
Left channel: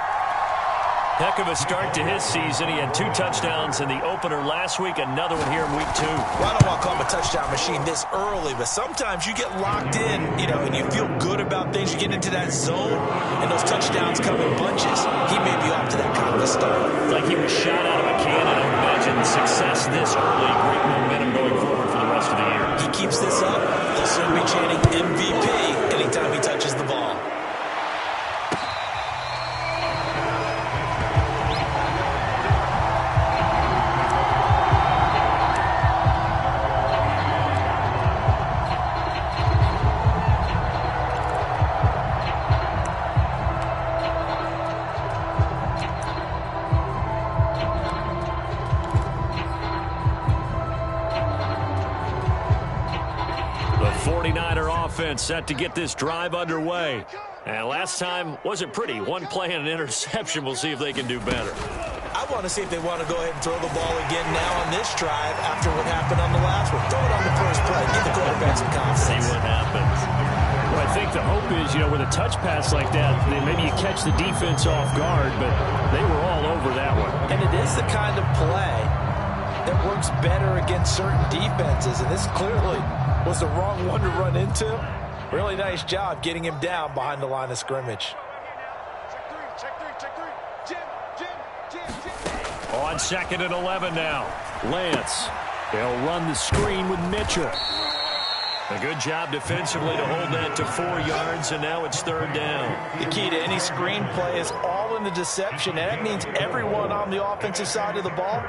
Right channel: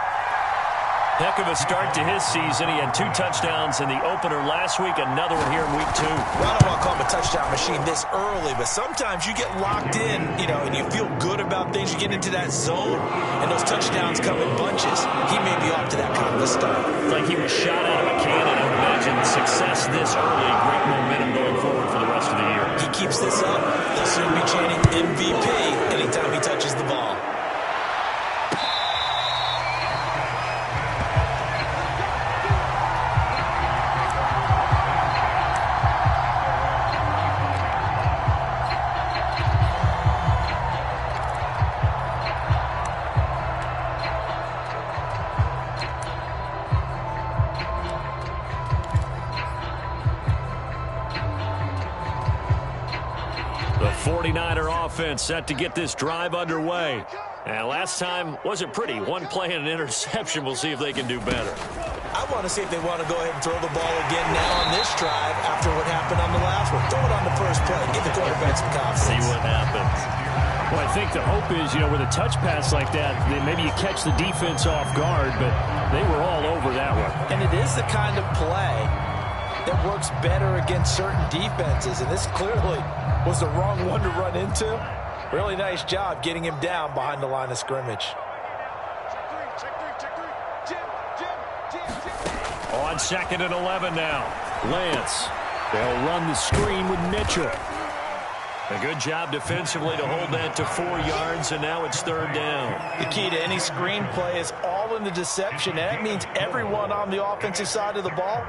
Heck of a start to his season. He had 2 touchdowns in the opener last week, another one here in week 2. Well, I don't want to call him a touchdown machine this early, but sometimes you get locked in, and you feel good about things. You get into that zone, and those touchdowns come in bunches. He may be off to that kind of a start. Like he was shot out of a cannon. I would imagine success this early, great momentum going forward for the rest of the year. He keeps this up, they'll soon be chanting MVP anytime he touches the ball. The 49er offense set to get this drive underway. And last time wasn't pretty. 1 play and an interception. We'll see if they can do better. I want to see if they want to go ahead and throw the ball again now on this drive after what happened on the last one. Throw it on the first play. Give the quarterback some confidence. See what happens. Well, I think the hope is, with a touch pass like that, then maybe you catch the defense off guard, but they were all over that one. And it is the kind of play that works better against certain defenses, and this clearly was the wrong one to run into. Really nice job getting him down behind the line of scrimmage. On 2nd and 11 now. Lance. They'll run the screen with Mitchell. A good job defensively to hold that to 4 yards, and now it's 3rd down. The key to any screen play is all in the deception, and that means everyone on the offensive side of the ball.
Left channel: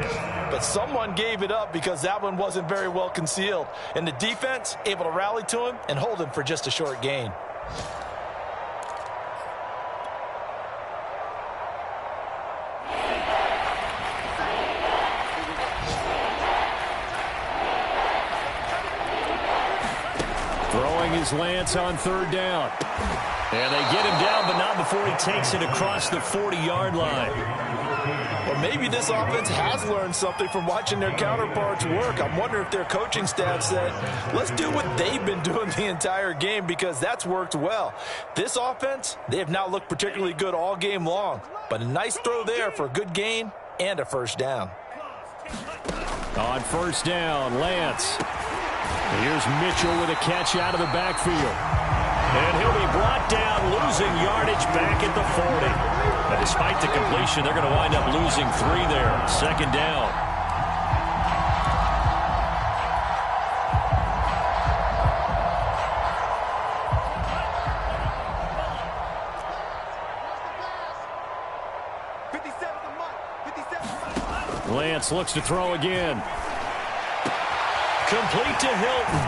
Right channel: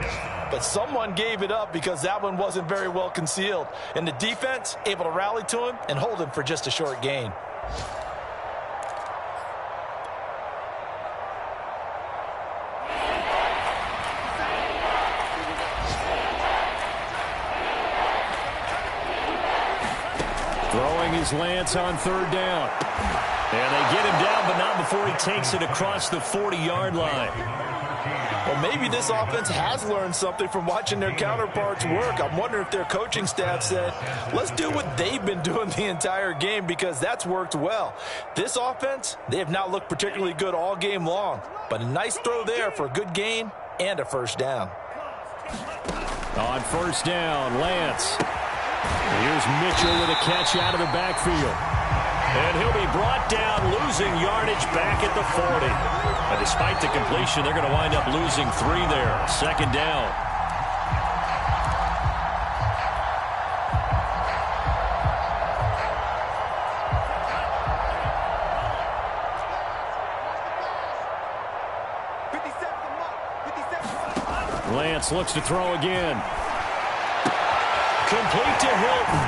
But someone gave it up because that one wasn't very well concealed. And the defense able to rally to him and hold him for just a short gain. Throwing is Lance on 3rd down. And they get him down, but not before he takes it across the 40-yard line. Well, maybe this offense has learned something from watching their counterparts work. I'm wondering if their coaching staff said, let's do what they've been doing the entire game, because that's worked well. This offense, they have not looked particularly good all game long, but a nice throw there for a good gain and a 1st down. On 1st down, Lance. Here's Mitchell with a catch out of the backfield. And he'll be brought down, losing yardage back at the 40. But despite the completion, they're going to wind up losing 3 there. 2nd down. Lance looks to throw again. Complete to Hilton.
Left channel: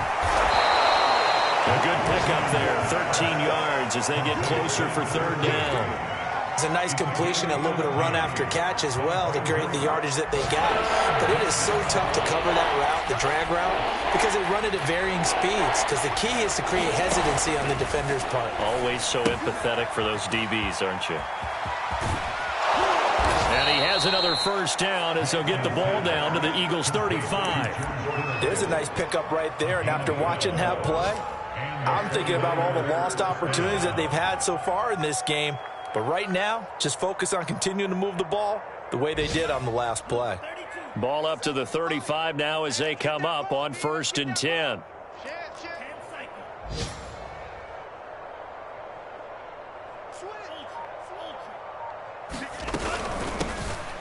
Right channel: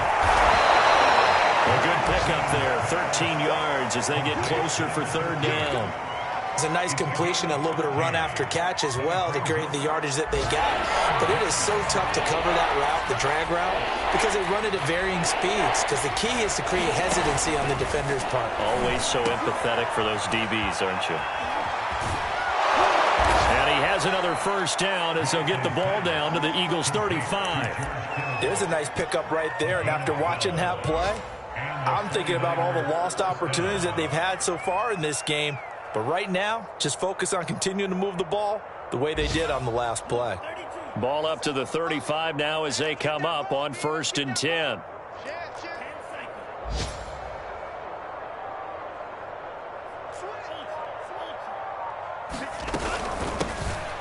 A good pickup there, 13 yards as they get closer for third down. It's a nice completion, a little bit of run after catch as well to create the yardage that they got. But it is so tough to cover that route, the drag route, because they run it at varying speeds. Because the key is to create hesitancy on the defender's part. Always so empathetic for those DBs, aren't you? And he has another first down as they'll get the ball down to the Eagles' 35. There's a nice pickup right there, and after watching that play, I'm thinking about all the lost opportunities that they've had so far in this game. But right now, just focus on continuing to move the ball the way they did on the last play. Ball up to the 35 now as they come up on 1st and 10.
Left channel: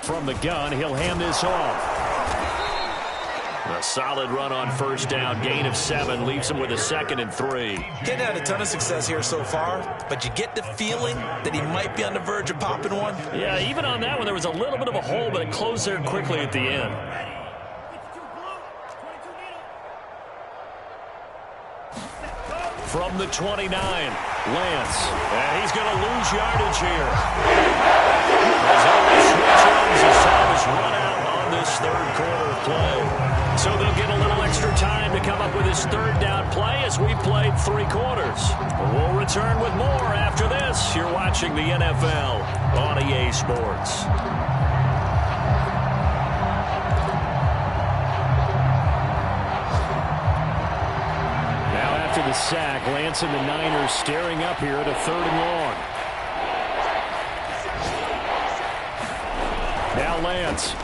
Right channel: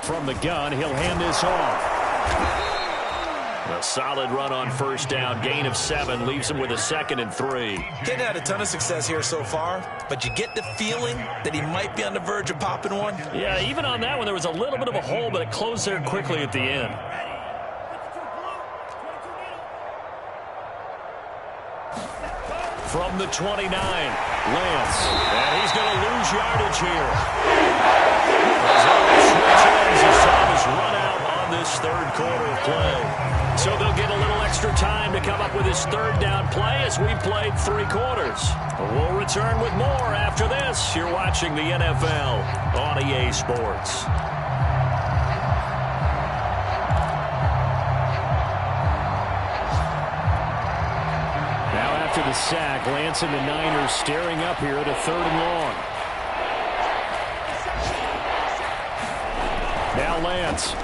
From the gun, he'll hand this off. A solid run on first down. Gain of 7 leaves him with a 2nd and 3. Hadn't had a ton of success here so far, but you get the feeling that he might be on the verge of popping one. Yeah, even on that one, there was a little bit of a hole, but it closed there quickly at the end. From the 29, Lance. And he's going to lose yardage here. As they switch ends as Thomas run out on this third quarter of play. So they'll get a little extra time to come up with his third down play as we played 3 quarters. We'll return with more after this. You're watching the NFL on EA Sports. Now after the sack, Lance and the Niners staring up here at a 3rd and long. Now Lance.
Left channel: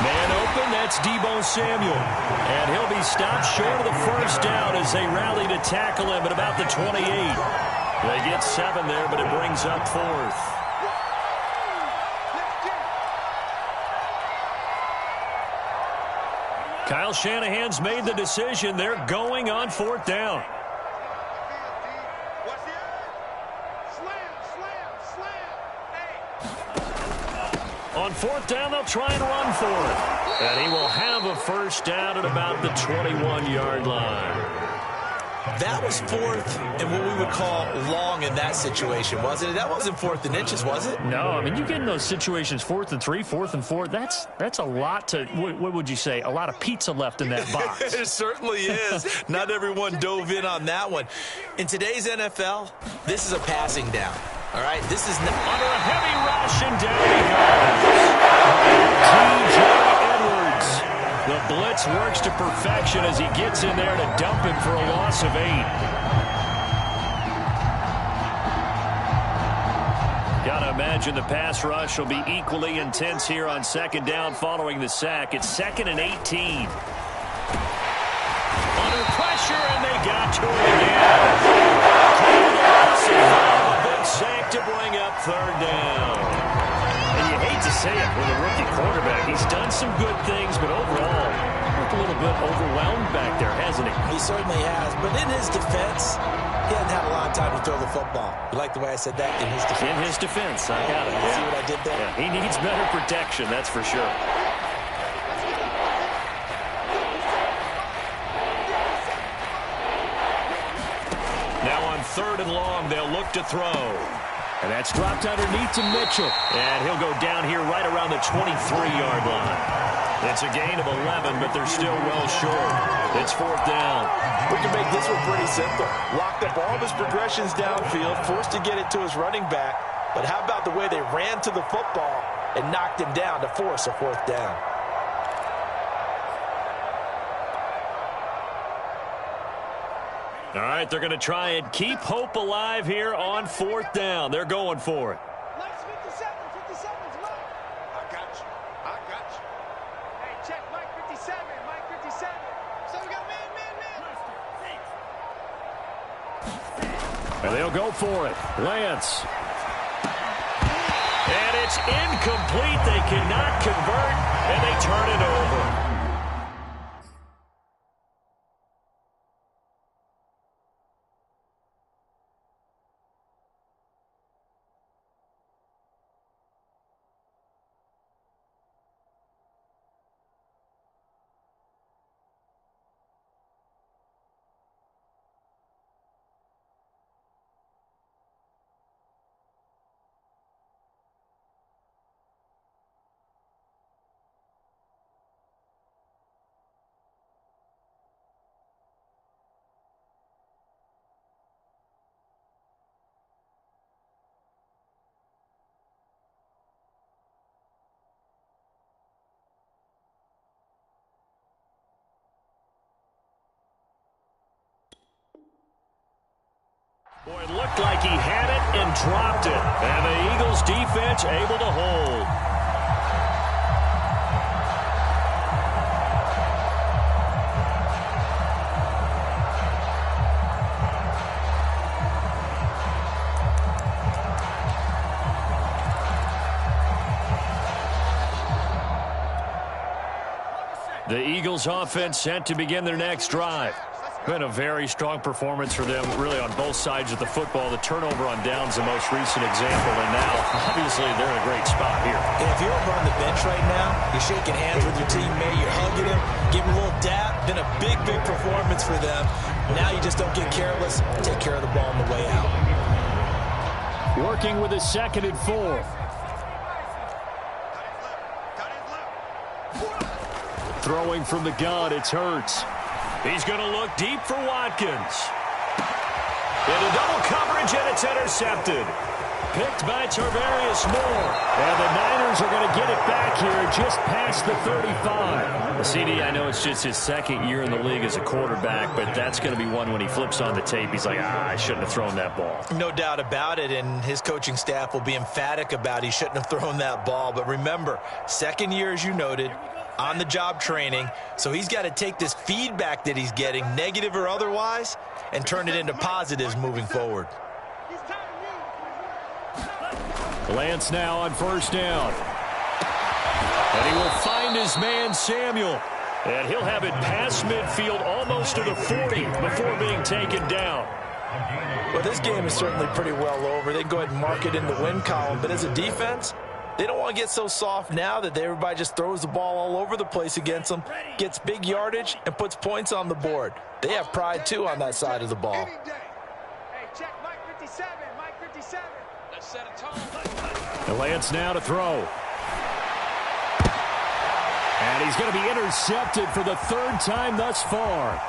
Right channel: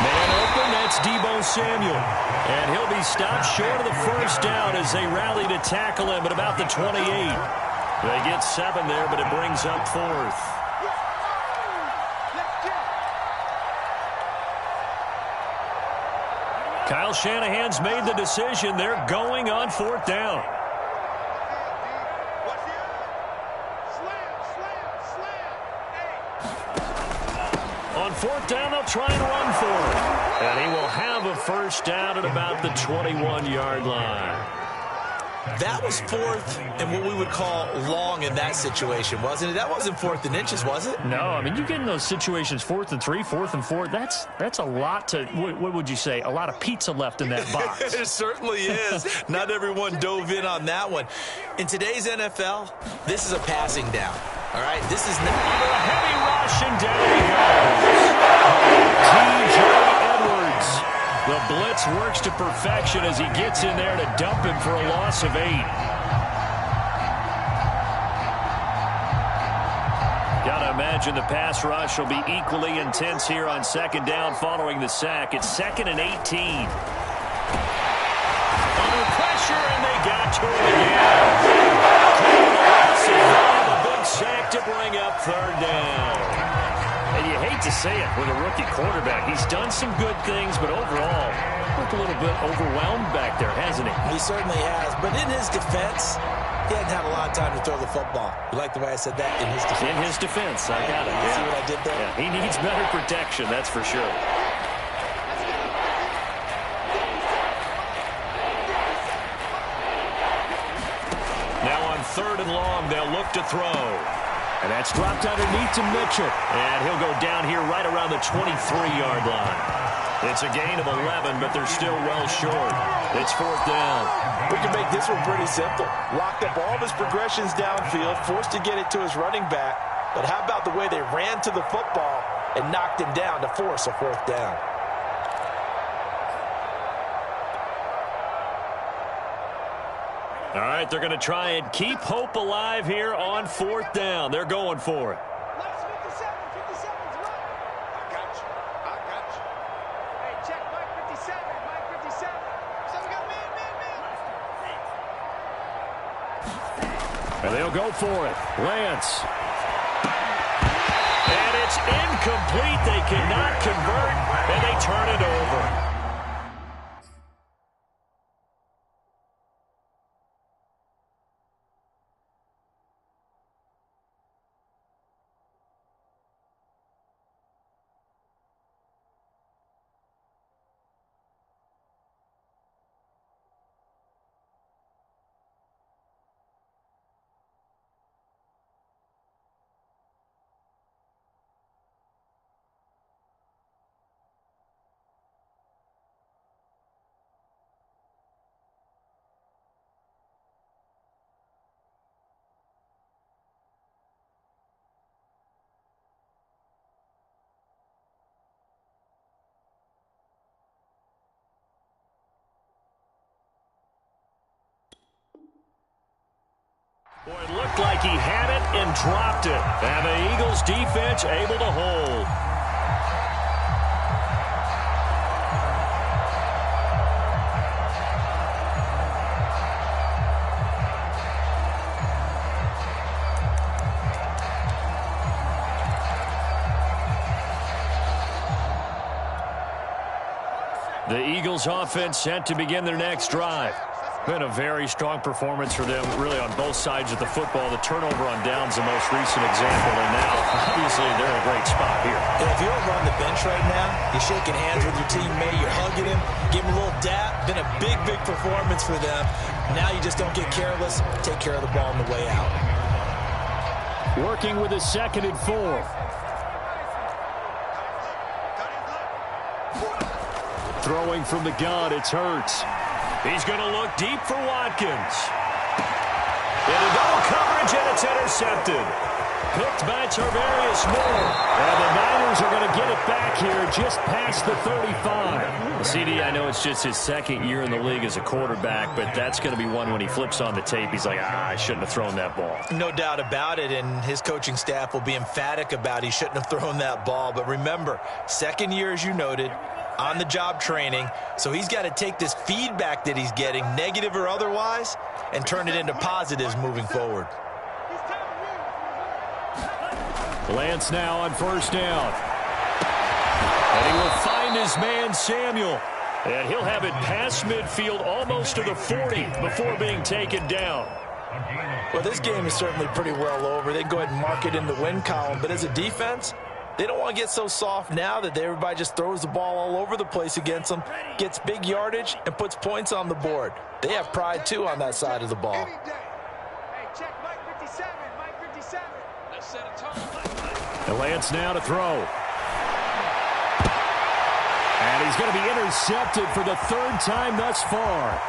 Man open, that's Deebo Samuel. And he'll be stopped short of the first down as they rally to tackle him at about the 28. They get 7 there, but it brings up 4th. Kyle Shanahan's made the decision. They're going on 4th down. On 4th down, they'll try and run for it. And he will have a first down at about the 21-yard line. That was 4th and what we would call long in that situation, wasn't it? That wasn't 4th and inches, was it? No, I mean, you get in those situations 4th and 3, 4th and 4. That's a lot to, what would you say, a lot of pizza left in that box. It certainly is. Not everyone dove in on that one. In today's NFL, this is a passing down. All right, this is under a heavy rush, and down he goes. T.J. Edwards. The blitz works to perfection as he gets in there to dump him for a loss of 8. Gotta imagine the pass rush will be equally intense here on 2nd down following the sack. It's 2nd and 18. Under pressure, and they got to him again. A big sack to bring up 3rd down. And you hate to say it with a rookie quarterback. He's done some good things, but overall, looked a little bit overwhelmed back there, hasn't he? He certainly has. But in his defense, he hasn't had a lot of time to throw the football. You like the way I said that? In his defense. In his defense. I got it. You see what I did there? Yeah, he needs better protection, that's for sure. Now on 3rd and long, they'll look to throw. And that's dropped underneath to Mitchell. And he'll go down here right around the 23-yard line. It's a gain of 11, but they're still well short. It's 4th down. We can make this one pretty simple. Locked up all of his progressions downfield, forced to get it to his running back. But how about the way they ran to the football and knocked him down to force a 4th down? All right, they're going to try and keep hope alive here on 4th down. They're going for it. Last 57, 57's right. I got you. Hey, check Mike 57, Mike 57. So we got man. And they'll go for it. Lance. And it's incomplete. They cannot convert, and they turn it over. Boy, it looked like he had it and dropped it. And the Eagles defense able to hold. The Eagles offense set to begin their next drive. Been a very strong performance for them, really, on both sides of the football. The turnover on downs, the most recent example, and now, obviously, they're in a great spot here. And if you're over on the bench right now, you're shaking hands with your teammate, you're hugging him, give him a little dap. Been a big, big performance for them. Now you just don't get careless. Take care of the ball on the way out. Working with a 2nd and 4. Throwing from the gun, it's Hurts. He's going to look deep for Watkins. Into double coverage, and it's intercepted. Picked by Tarvarius Moore. And the Niners are going to get it back here just past the 35. Well, CD, I know it's just his 2nd year in the league as a quarterback, but that's going to be one when he flips on the tape. He's like, I shouldn't have thrown that ball. No doubt about it, and his coaching staff will be emphatic about he shouldn't have thrown that ball. But remember, 2nd year, as you noted, on-the-job training, so he's got to take this feedback that he's getting, negative or otherwise, and turn it into positives moving forward. Lance now on 1st down. And he will find his man, Samuel. And he'll have it past midfield almost to the 40 before being taken down. Well, this game is certainly pretty well over. They can go ahead and mark it in the win column, but as a defense, they don't want to get so soft now that everybody just throws the ball all over the place against them, gets big yardage, and puts points on the board. They have pride, too, on that side of the ball. Hey, check Mike 57, Mike 57. Let's set a tone. And Lance now to throw. And he's going to be intercepted for the 3rd time thus far.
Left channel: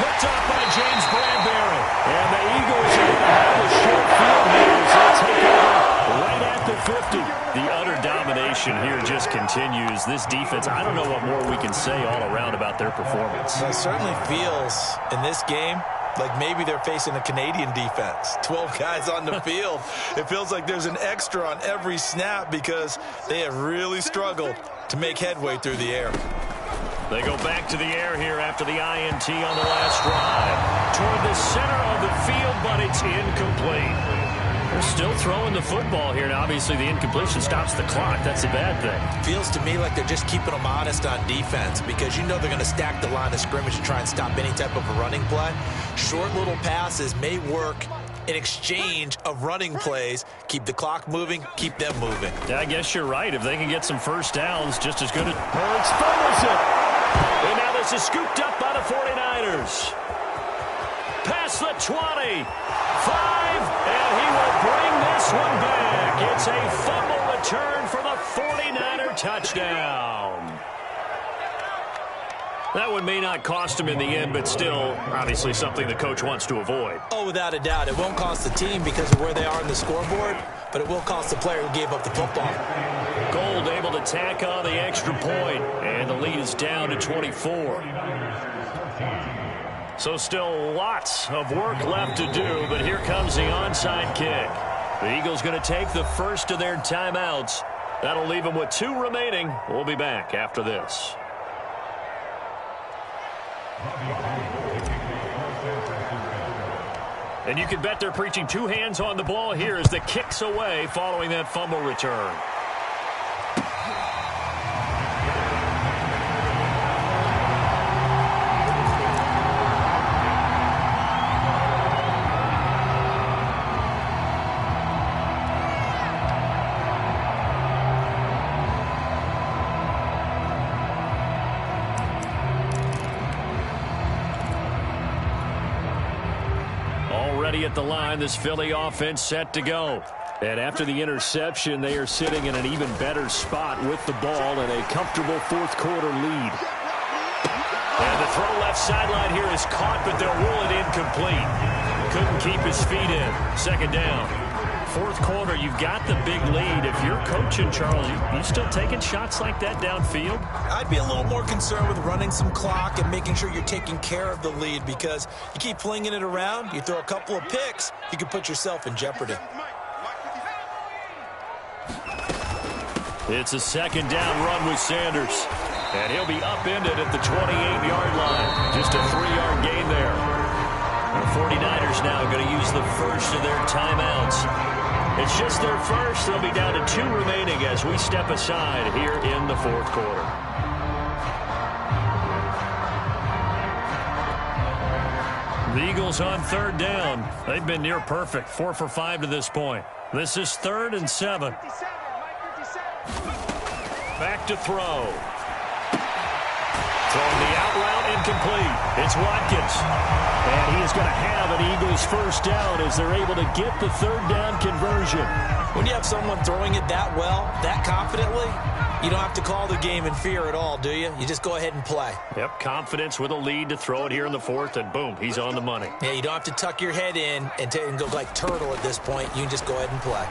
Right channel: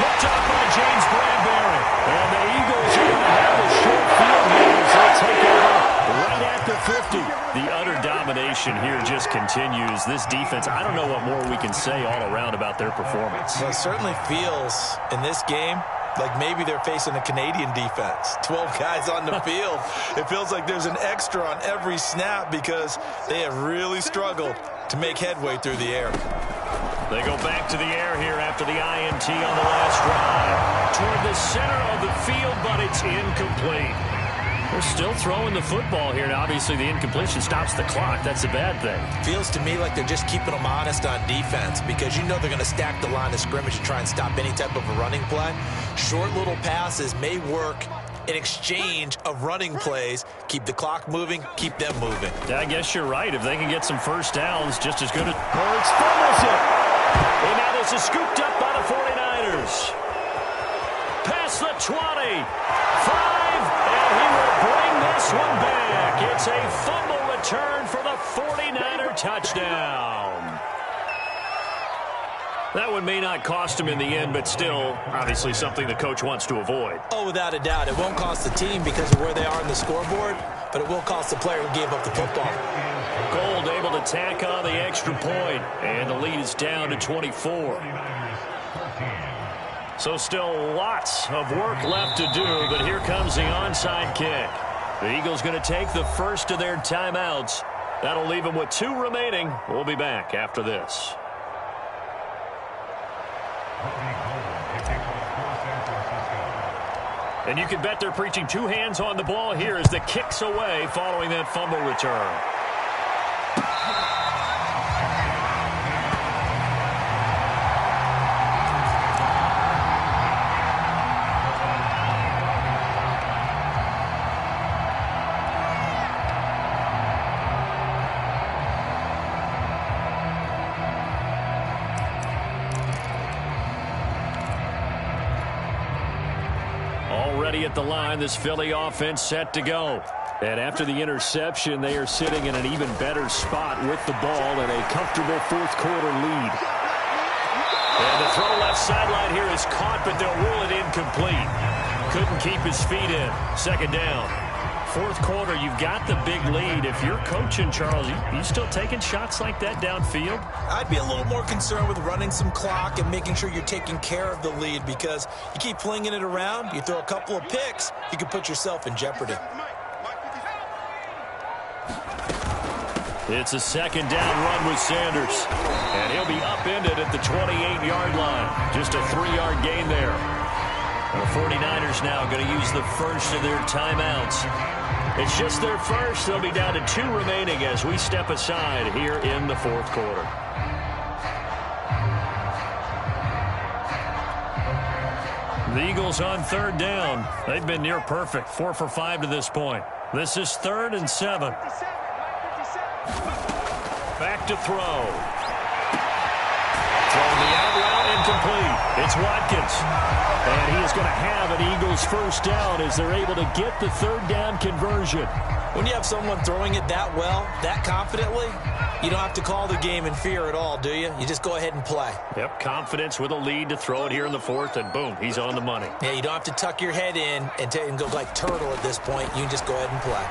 Picked up by James Bradbury. And the Eagles are going to have a short field here as they'll take over right at the 50. The utter domination here just continues. This defense, I don't know what more we can say all around about their performance. Well, it certainly feels in this game like maybe they're facing a Canadian defense. 12 guys on the field. It feels like there's an extra on every snap because they have really struggled to make headway through the air. They go back to the air here after the INT on the last drive. Toward the center of the field, but it's incomplete. They're still throwing the football here, and obviously the incompletion stops the clock. That's a bad thing. Feels to me like they're just keeping them honest on defense because you know they're going to stack the line of scrimmage to try and stop any type of a running play. Short little passes may work in exchange of running plays. Keep the clock moving, keep them moving. Yeah, I guess you're right. If they can get some first downs, just as good as Hurts fumbles it. And now this is scooped up by the 49ers. Past the 20. 5, and he will bring this one back. It's a fumble return for the 49er touchdown. That one may not cost him in the end, but still, obviously something the coach wants to avoid. Oh, without a doubt. It won't cost the team because of where they are in the scoreboard, but it will cost the player who gave up the football. Gold able to tack on the extra point, and the lead is down to 24. So still lots of work left to do, but here comes the onside kick. The Eagles going to take the first of their timeouts. That'll leave them with 2 remaining. We'll be back after this. And you can bet they're preaching 2 hands on the ball here as the kick's away following that fumble return. Already at the line, this Philly offense set to go. And after the interception, they are sitting in an even better spot with the ball and a comfortable 4th quarter lead. And the throw left sideline here is caught, but they'll rule it incomplete. Couldn't keep his feet in. 2nd down. fourth quarter, you've got the big lead. If you're coaching, Charles, you still taking shots like that downfield? I'd be a little more concerned with running some clock and making sure you're taking care of the lead, because you keep flinging it around, you throw a couple of picks, you can put yourself in jeopardy. It's a second down run with Sanders. And he'll be upended at the 28-yard line. Just a 3-yard gain there. The 49ers now going to use the first of their timeouts. It's just their first. They'll be down to 2 remaining as we step aside here in the fourth quarter. The Eagles on third down. They've been near perfect. 4 for 5 to this point. This is 3rd and 7. Back to throw. Throwing the out route incomplete. It's Watkins. And he is going to have an Eagles first down as they're able to get the third down conversion. When you have someone throwing it that well, that confidently, you don't have to call the game in fear at all, do you? You just go ahead and play. Yep, confidence with a lead to throw it here in the fourth, and boom, he's on the money. Yeah, you don't have to tuck your head in and go like turtle at this point. You can just go ahead and play.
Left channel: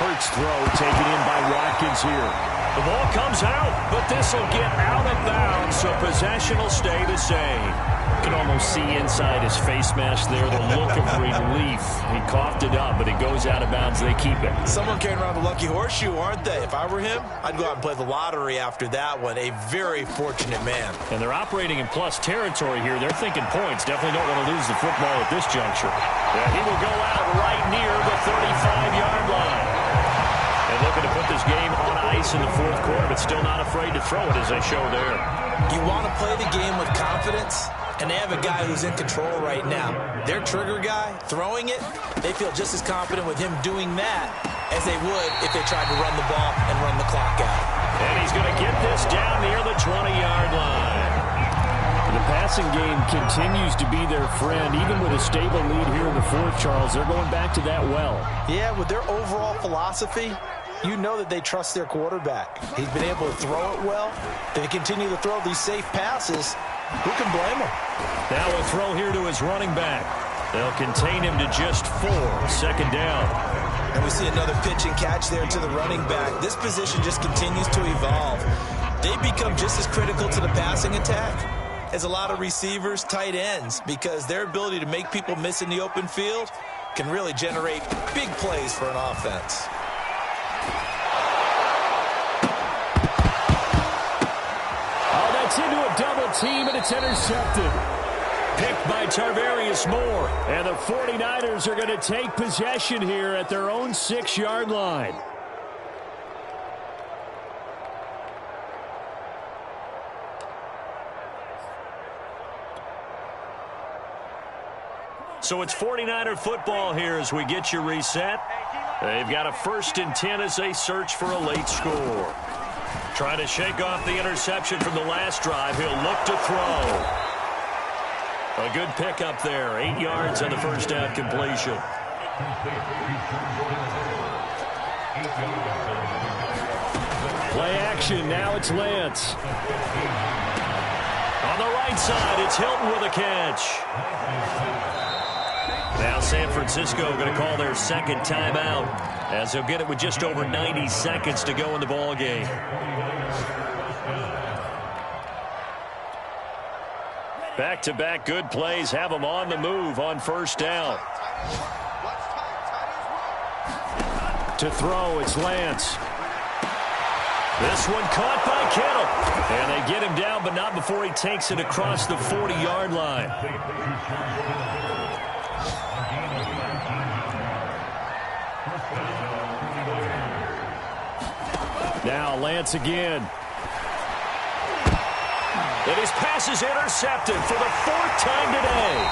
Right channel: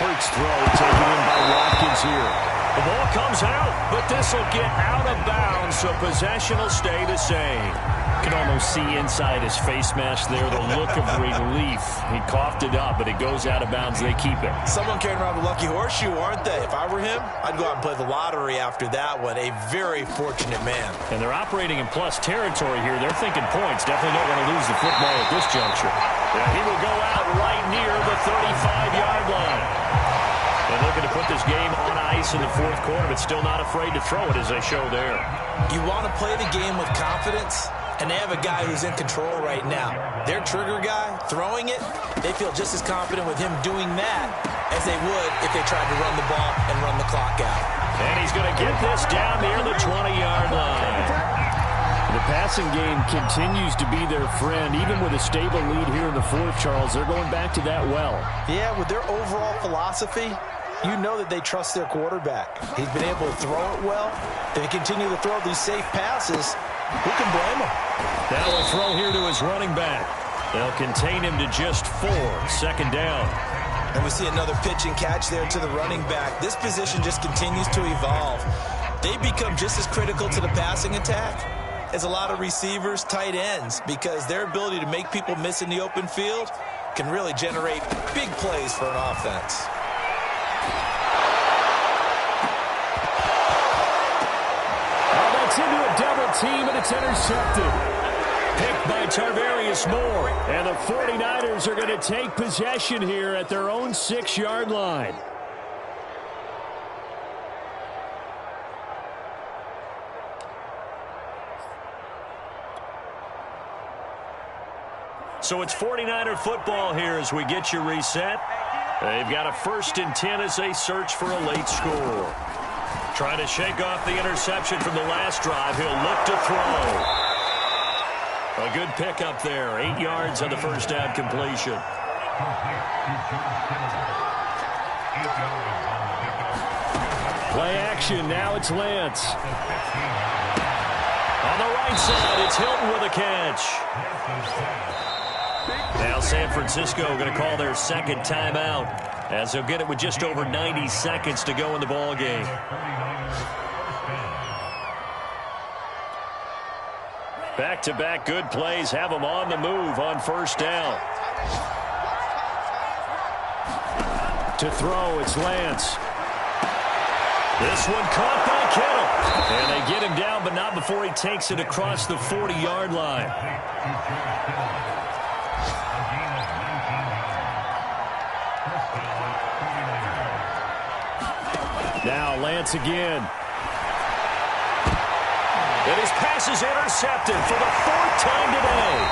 Hurts throw taken in by Watkins here. The ball comes out, but this will get out of bounds, so possession will stay the same. You can almost see inside his face mask there the look of relief. He coughed it up, but it goes out of bounds. They keep it. Someone carrying around the lucky horseshoe, aren't they? If I were him, I'd go out and play the lottery after that one. A very fortunate man. And they're operating in plus territory here. They're thinking points. Definitely don't want to lose the football at this juncture. Yeah, he will go out right near the 35-yard line. And looking to put this game on ice in the fourth quarter, but still not afraid to throw it as they show there. You want to play the game with confidence, and they have a guy who's in control right now. Their trigger guy, throwing it, they feel just as confident with him doing that as they would if they tried to run the ball and run the clock out. And he's going to get this down near the 20-yard line. The passing game continues to be their friend. Even with a stable lead here in the fourth, Charles, they're going back to that well. Yeah, with their overall philosophy, you know that they trust their quarterback. He's been able to throw it well. They continue to throw these safe passes. Who can blame them? Now a throw here to his running back. They'll contain him to just 4. Second down. And we see another pitch and catch there to the running back. This position just continues to evolve. They become just as critical to the passing attack as a lot of receivers, tight ends, because their ability to make people miss in the open field can really generate big plays for an offense. Oh, that's into a double team, and it's intercepted. Picked by Tarvarius Moore. And the 49ers are going to take possession here at their own 6-yard line. So it's 49er football here as we get you reset. They've got a 1st and 10 as they search for a late score. Trying to shake off the interception from the last drive. He'll look to throw. A good pickup there. 8 yards on the first down completion. Play action. Now it's Lance. On the right side, it's Hilton with a catch. Now San Francisco going to call their second timeout as they'll get it with just over 90 seconds to go in the ball game. Back-to-back good plays have them on the move on first down. To throw, it's Lance. This one caught by Kittle. And they get him down, but not before he takes it across the 40-yard line. Now Lance again. And his pass is intercepted for the 4th time today.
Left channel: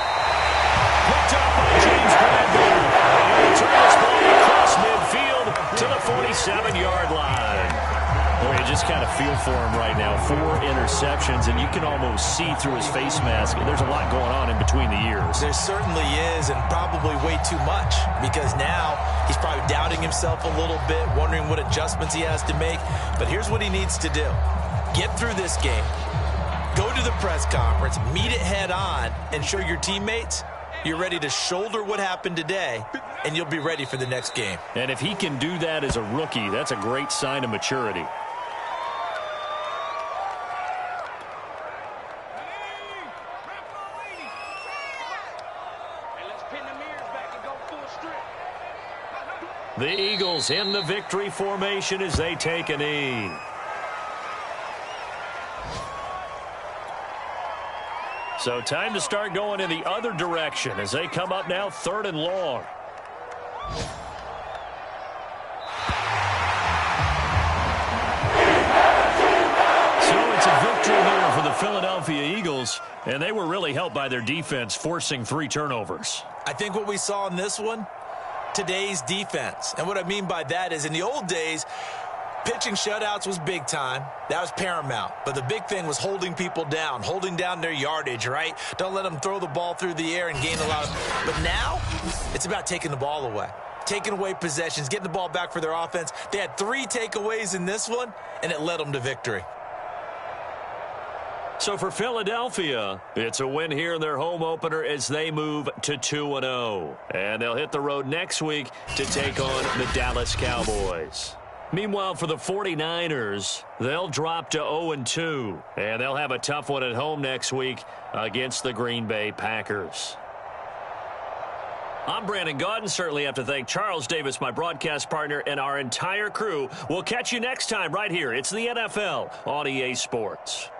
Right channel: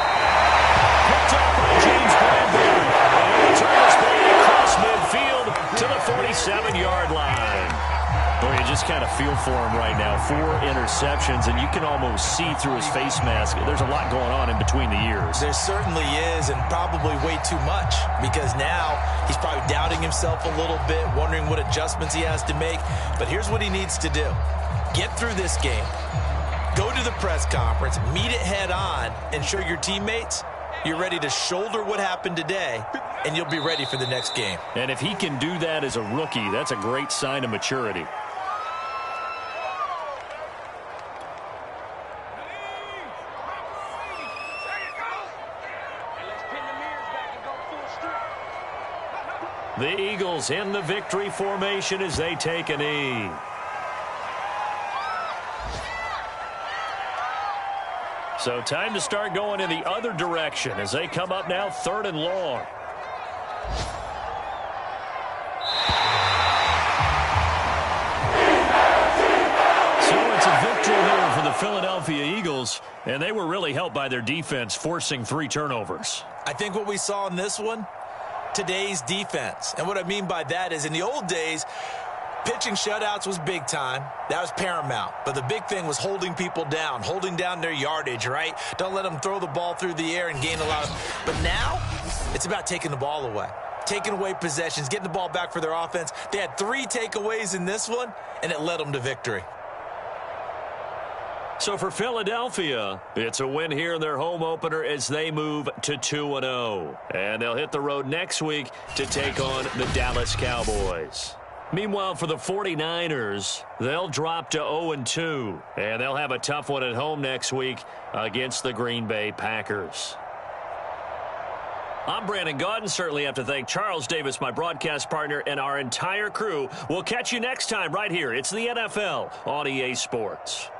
Picked up by James Bradbury. And he'll return this ball across midfield to the 47-yard line. Boy, you just kind of feel for him right now. 4 interceptions, and you can almost see through his face mask. There's a lot going on in between the ears. There certainly is, and probably way too much, because now he's probably doubting himself a little bit, wondering what adjustments he has to make. But here's what he needs to do. Get through this game. Go to the press conference, meet it head on, and show your teammates you're ready to shoulder what happened today and you'll be ready for the next game. And if he can do that as a rookie, that's a great sign of maturity. The Eagles in the victory formation as they take a knee. So time to start going in the other direction as they come up now 3rd and long. So it's a victory here for the Philadelphia Eagles, and they were really helped by their defense forcing 3 turnovers. I think what we saw in this one, today's defense. And what I mean by that is in the old days, pitching shutouts was big time. That was paramount. But the big thing was holding people down, holding down their yardage, right? Don't let them throw the ball through the air and gain a lot of... But now, it's about taking the ball away. Taking away possessions, getting the ball back for their offense. They had 3 takeaways in this one, and it led them to victory. So for Philadelphia, it's a win here in their home opener as they move to 2-0. And they'll hit the road next week to take on the Dallas Cowboys. Meanwhile, for the 49ers, they'll drop to 0-2. And they'll have a tough one at home next week against the Green Bay Packers. I'm Brandon Gaudin. Certainly have to thank Charles Davis, my broadcast partner, and our entire crew. We'll catch you next time right here. It's the NFL on EA Sports.